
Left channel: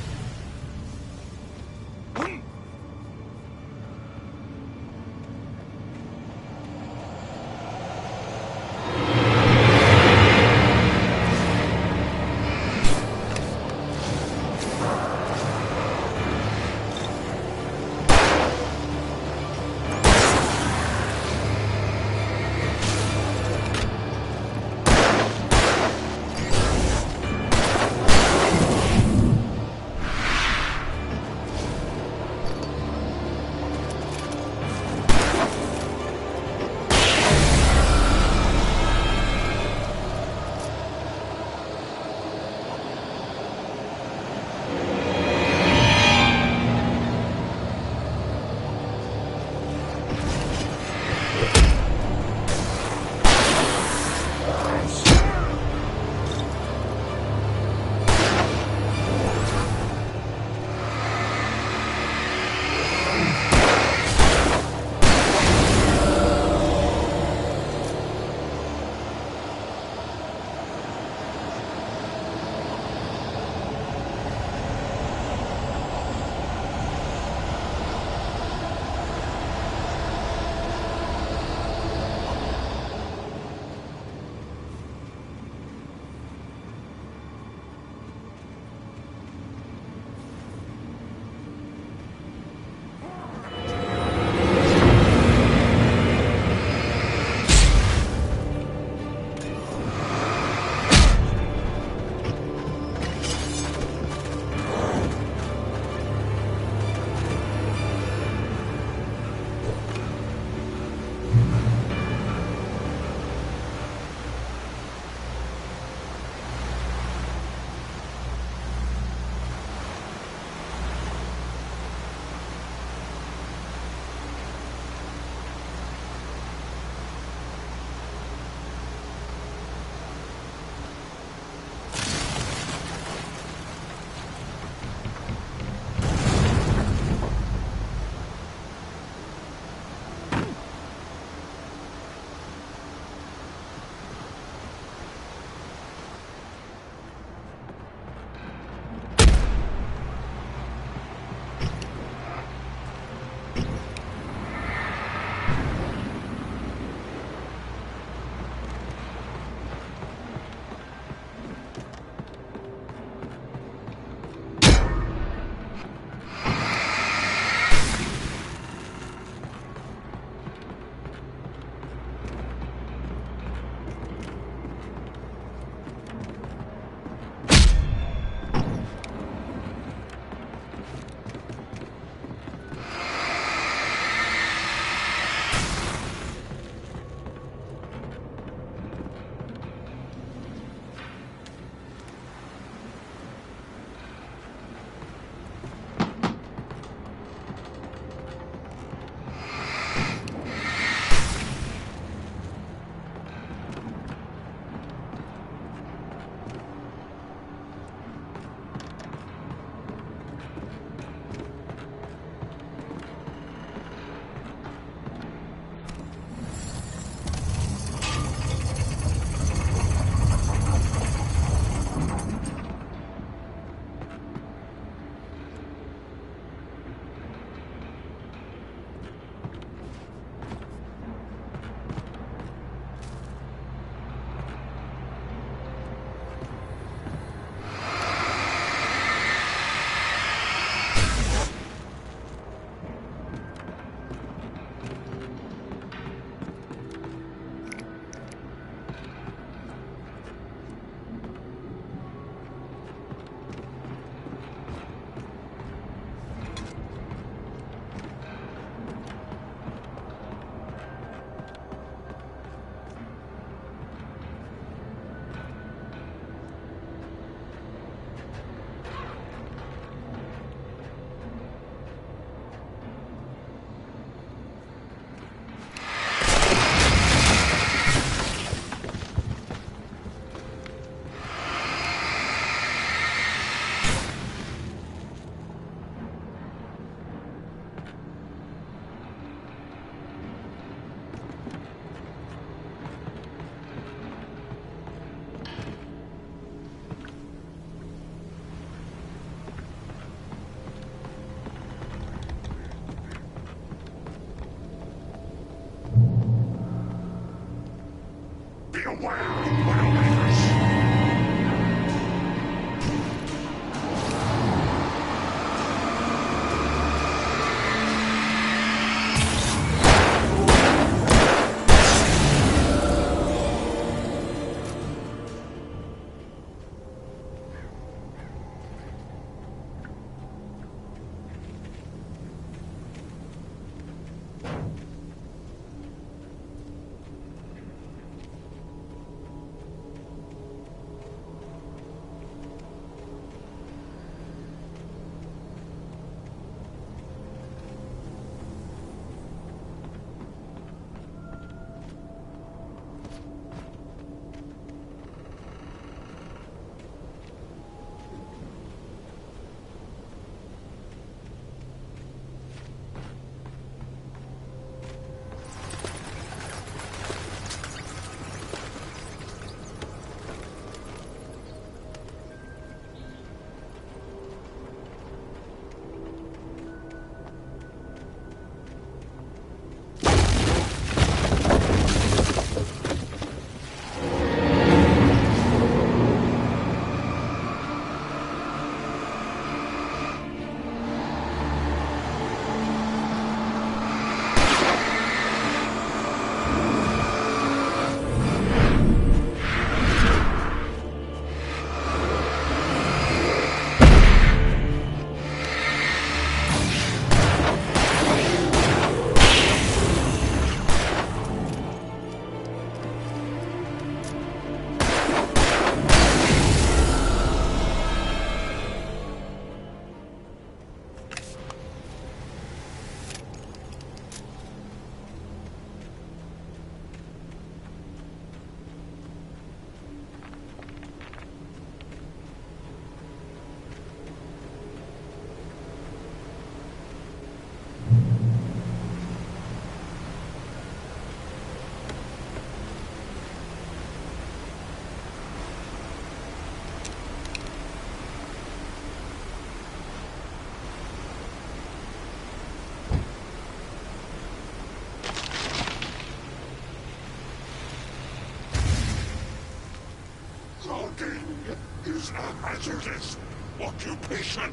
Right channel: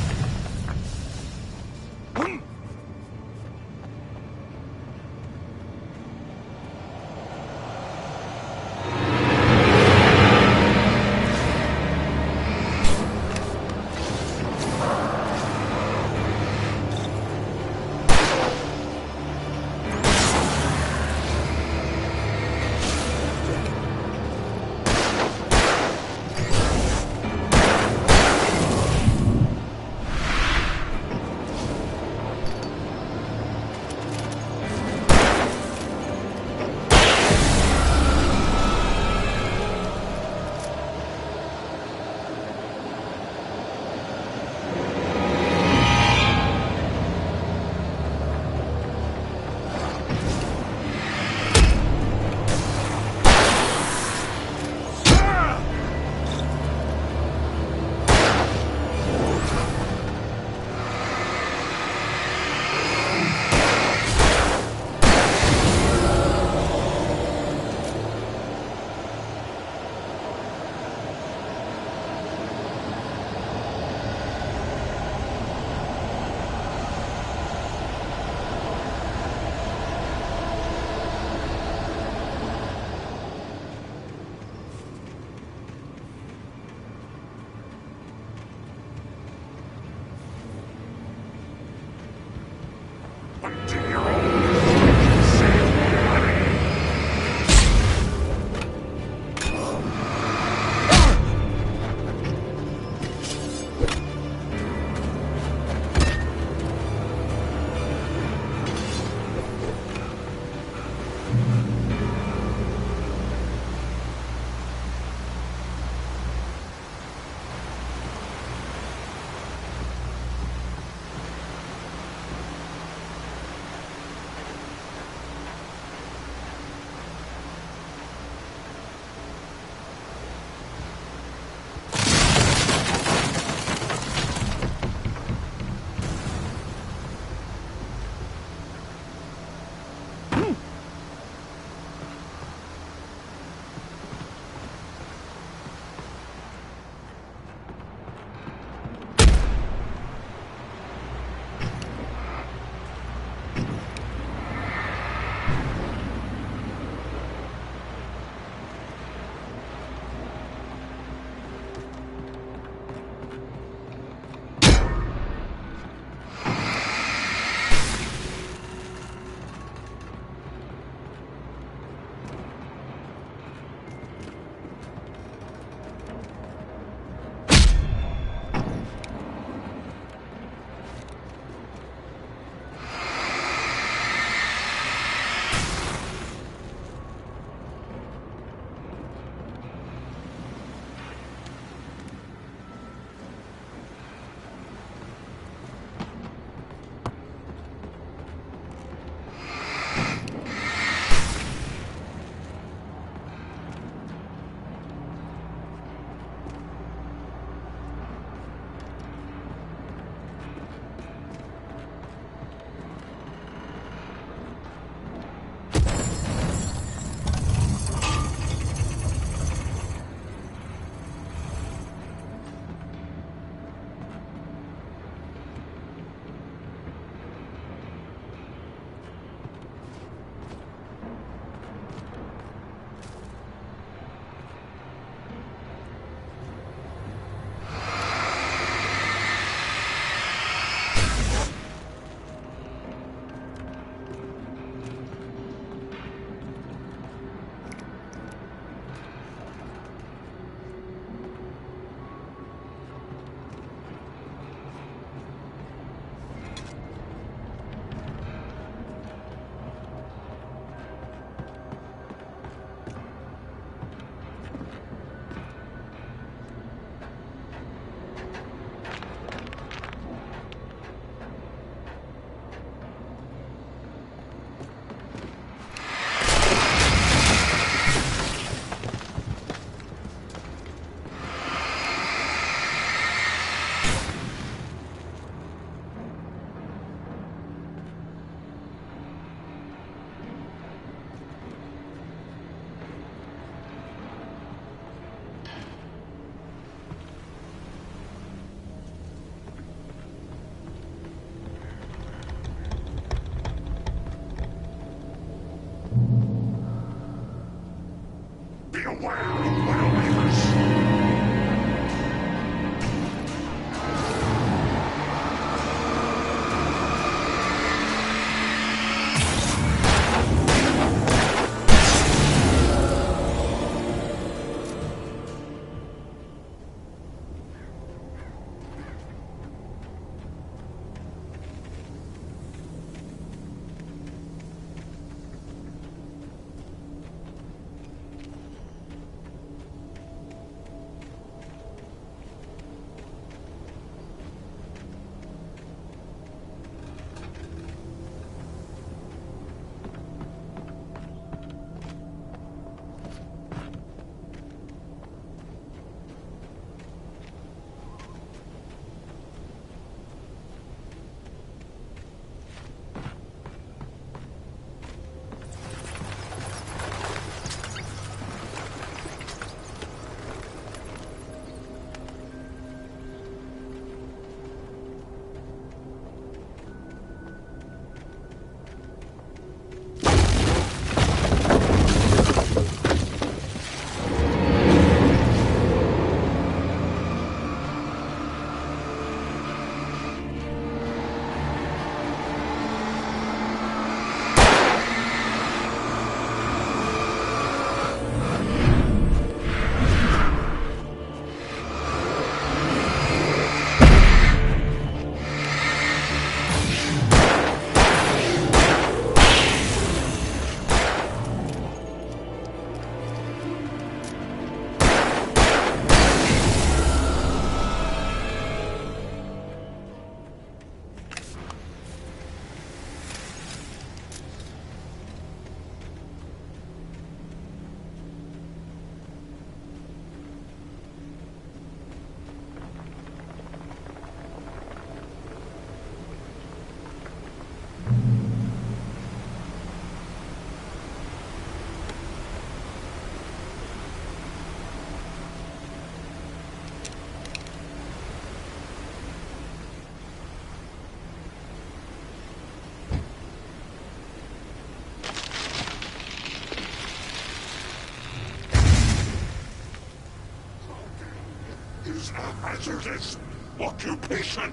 Hazardous occupation.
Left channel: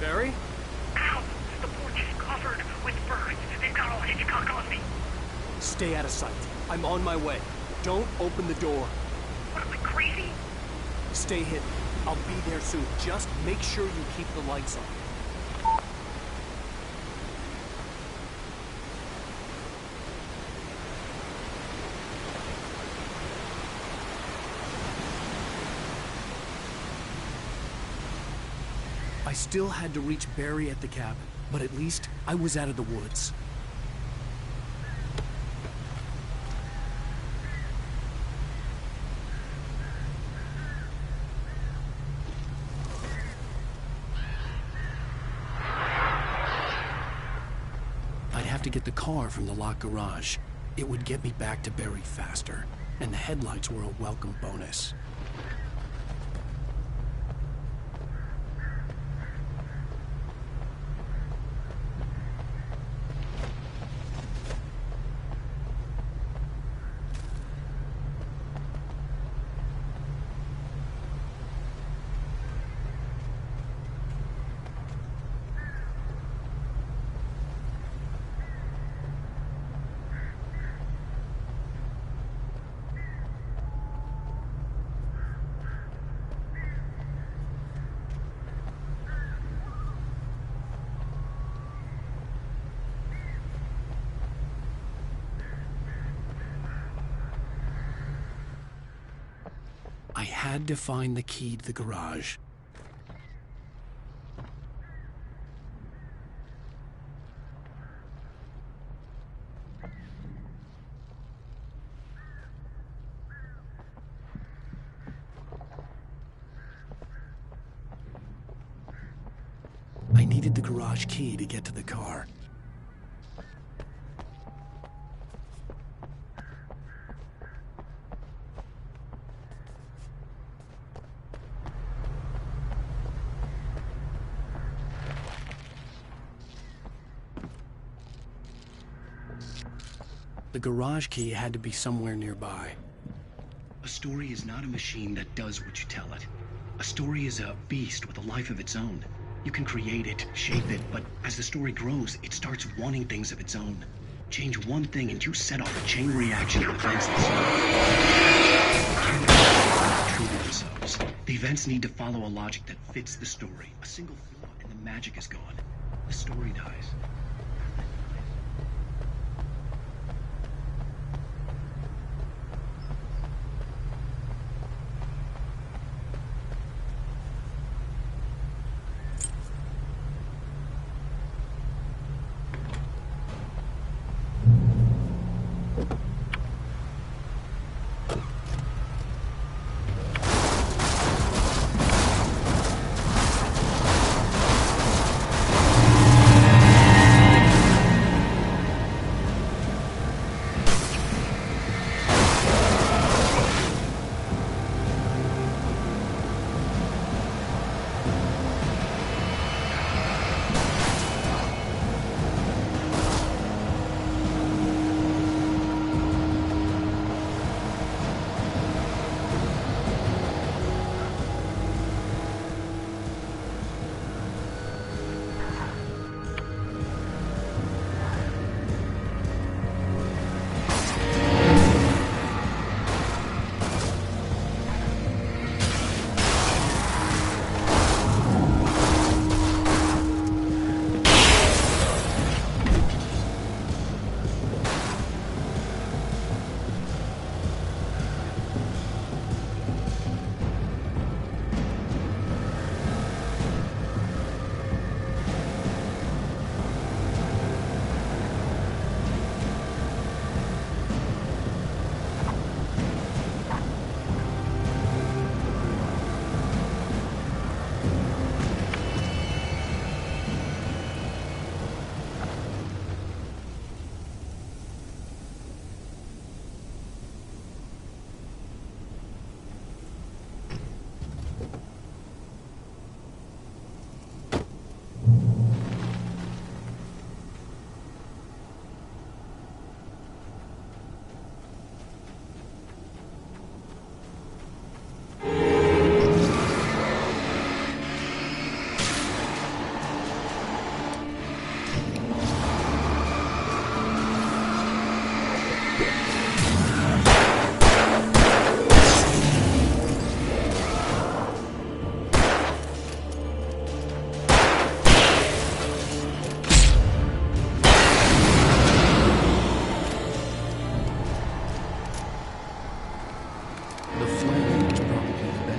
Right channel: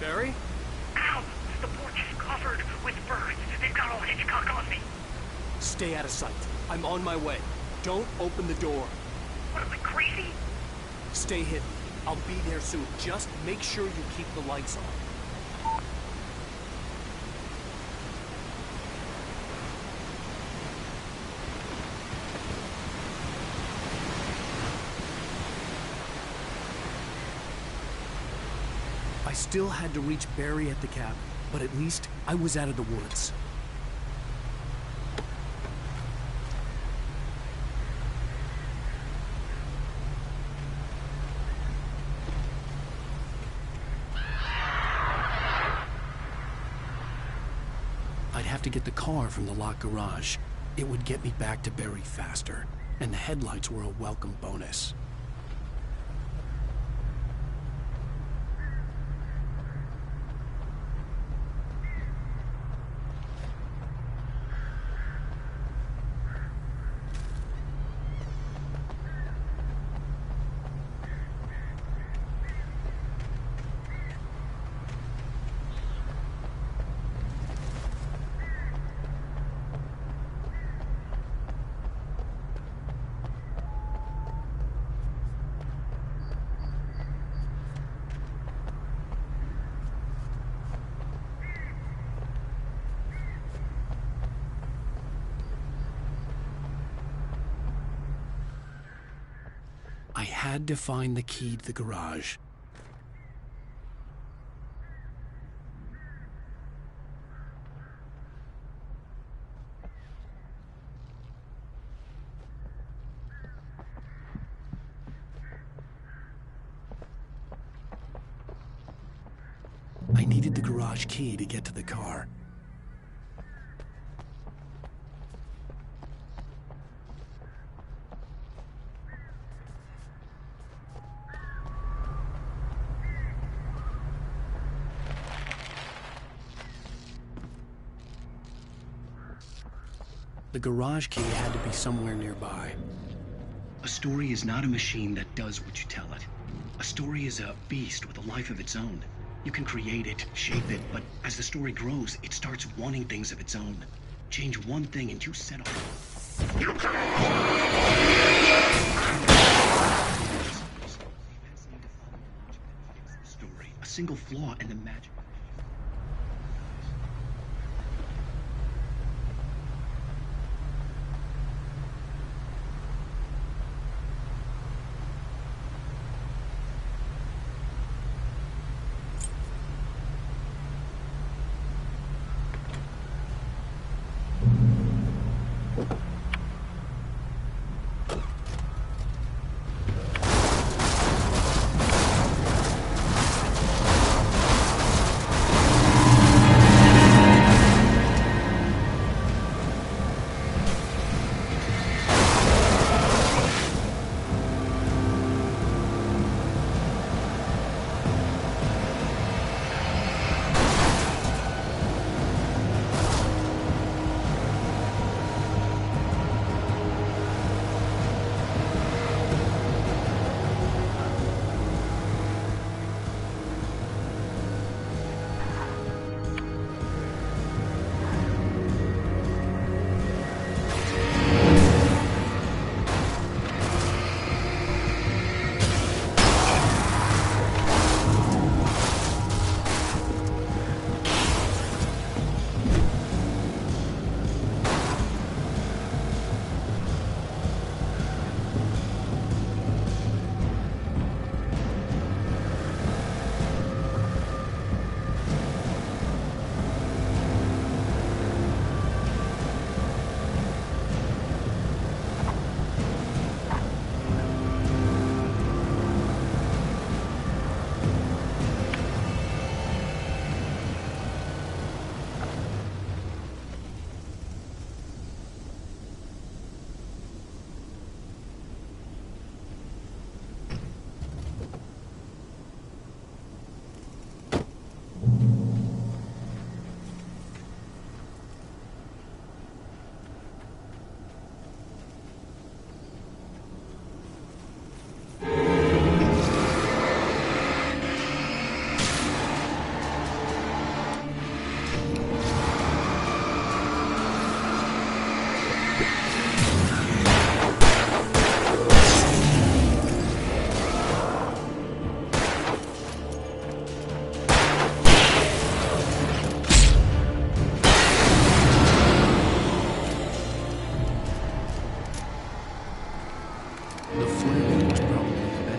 Barry? Ow! The porch is covered with birds. They've got all Hitchcock on me. Stay out of sight. I'm on my way. Don't open the door. What, am I crazy? Stay hidden. I'll be there soon. Just make sure you keep the lights on. I still had to reach Barry at the cabin, but at least I was out of the woods. I'd have to get the car from the locked garage. It would get me back to Barry faster, and the headlights were a welcome bonus. I had to find the key to the garage. I needed the garage key to get to the car. The garage key had to be somewhere nearby. A story is not a machine that does what you tell it. A story is a beast with a life of its own. You can create it, shape it, but as the story grows, it starts wanting things of its own. Change one thing and you set off a chain reaction of events that the events need to follow a logic that fits the story. A single flaw and the magic is gone. The story dies.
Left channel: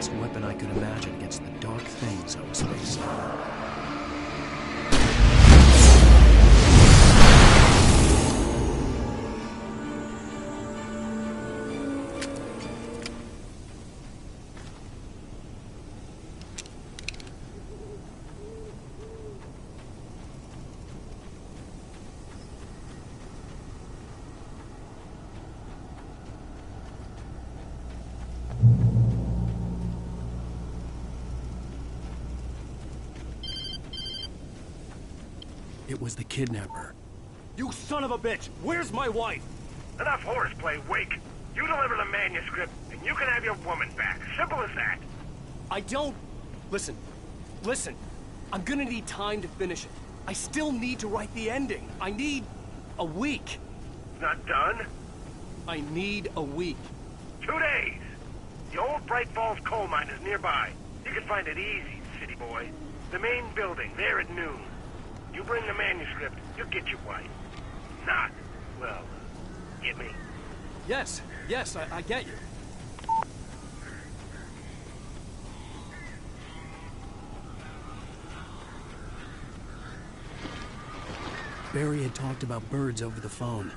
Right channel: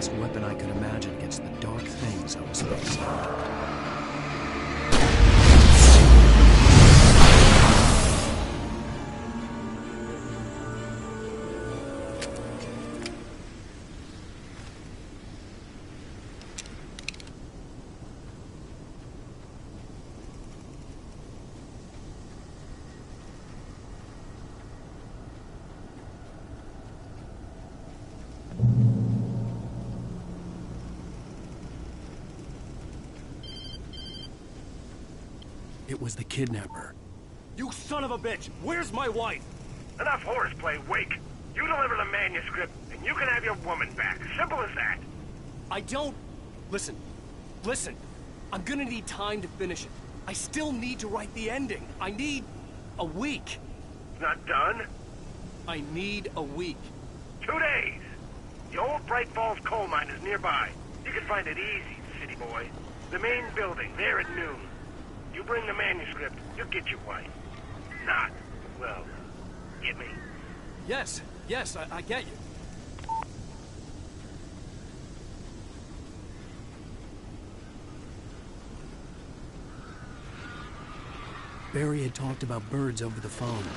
best weapon I could imagine against the dark things I was facing. It was the kidnapper. You son of a bitch! Where's my wife? Enough horseplay, Wake. You deliver the manuscript, and you can have your woman back. Simple as that. I don't... Listen. I'm gonna need time to finish it. I still need to write the ending. I need a week. It's not done? I need a week. 2 days. The old Bright Falls coal mine is nearby. You can find it easy, city boy. The main building, there at noon. You bring the manuscript, you'll get your wife. Not, well, get me? Yes, I get you. Barry had talked about birds over the phone.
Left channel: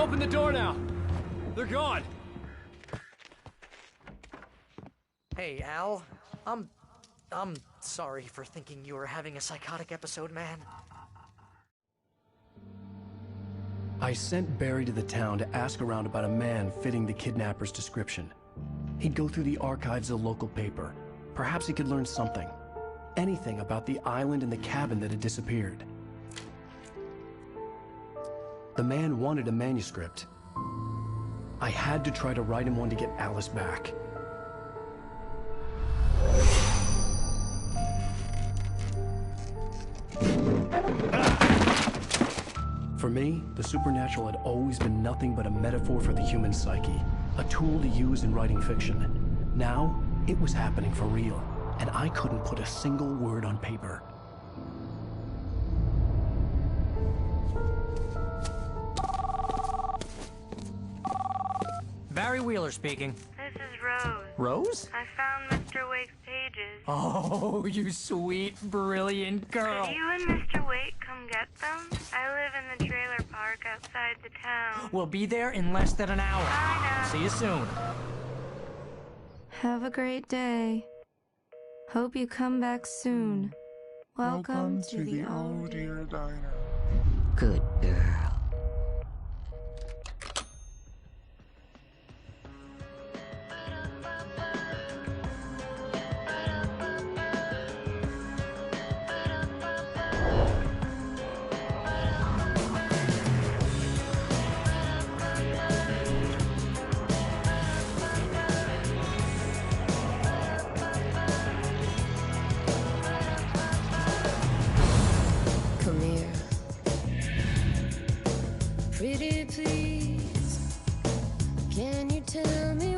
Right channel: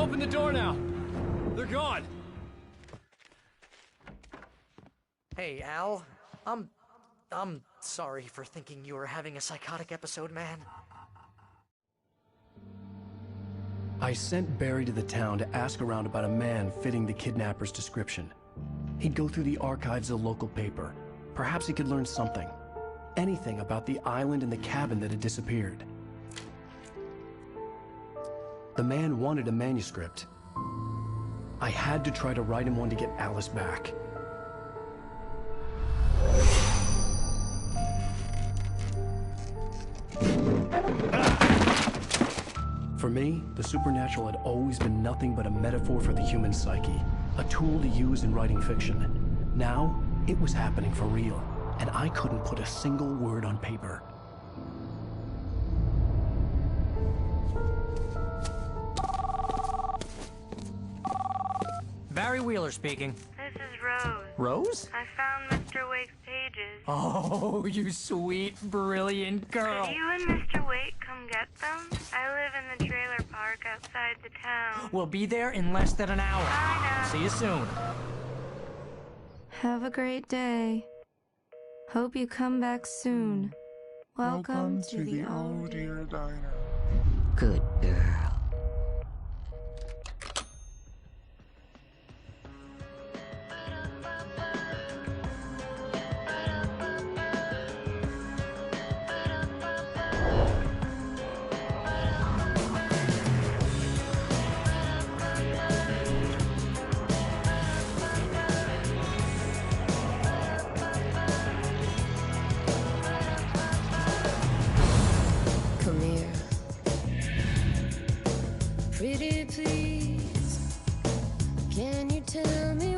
open the door now. They're gone. Hey, Al. I'm sorry for thinking you were having a psychotic episode, man. I sent Barry to the town to ask around about a man fitting the kidnapper's description. He'd go through the archives of the local paper. Perhaps he could learn something. Anything about the island and the cabin that had disappeared. The man wanted a manuscript. I had to try to write him one to get Alice back. For me, the supernatural had always been nothing but a metaphor for the human psyche, a tool to use in writing fiction. Now, it was happening for real, and I couldn't put a single word on paper. Barry Wheeler speaking. This is Rose. Rose? I found Mr. Wake's pages. Oh, you sweet, brilliant girl. Could you and Mr. Wake come get them? I live in the trailer park outside the town. We'll be there in less than an hour. Bye now. See you soon. Have a great day. Hope you come back soon. Welcome to the Oh Dear Diner. Good girl. Come here. Pretty please, can you tell me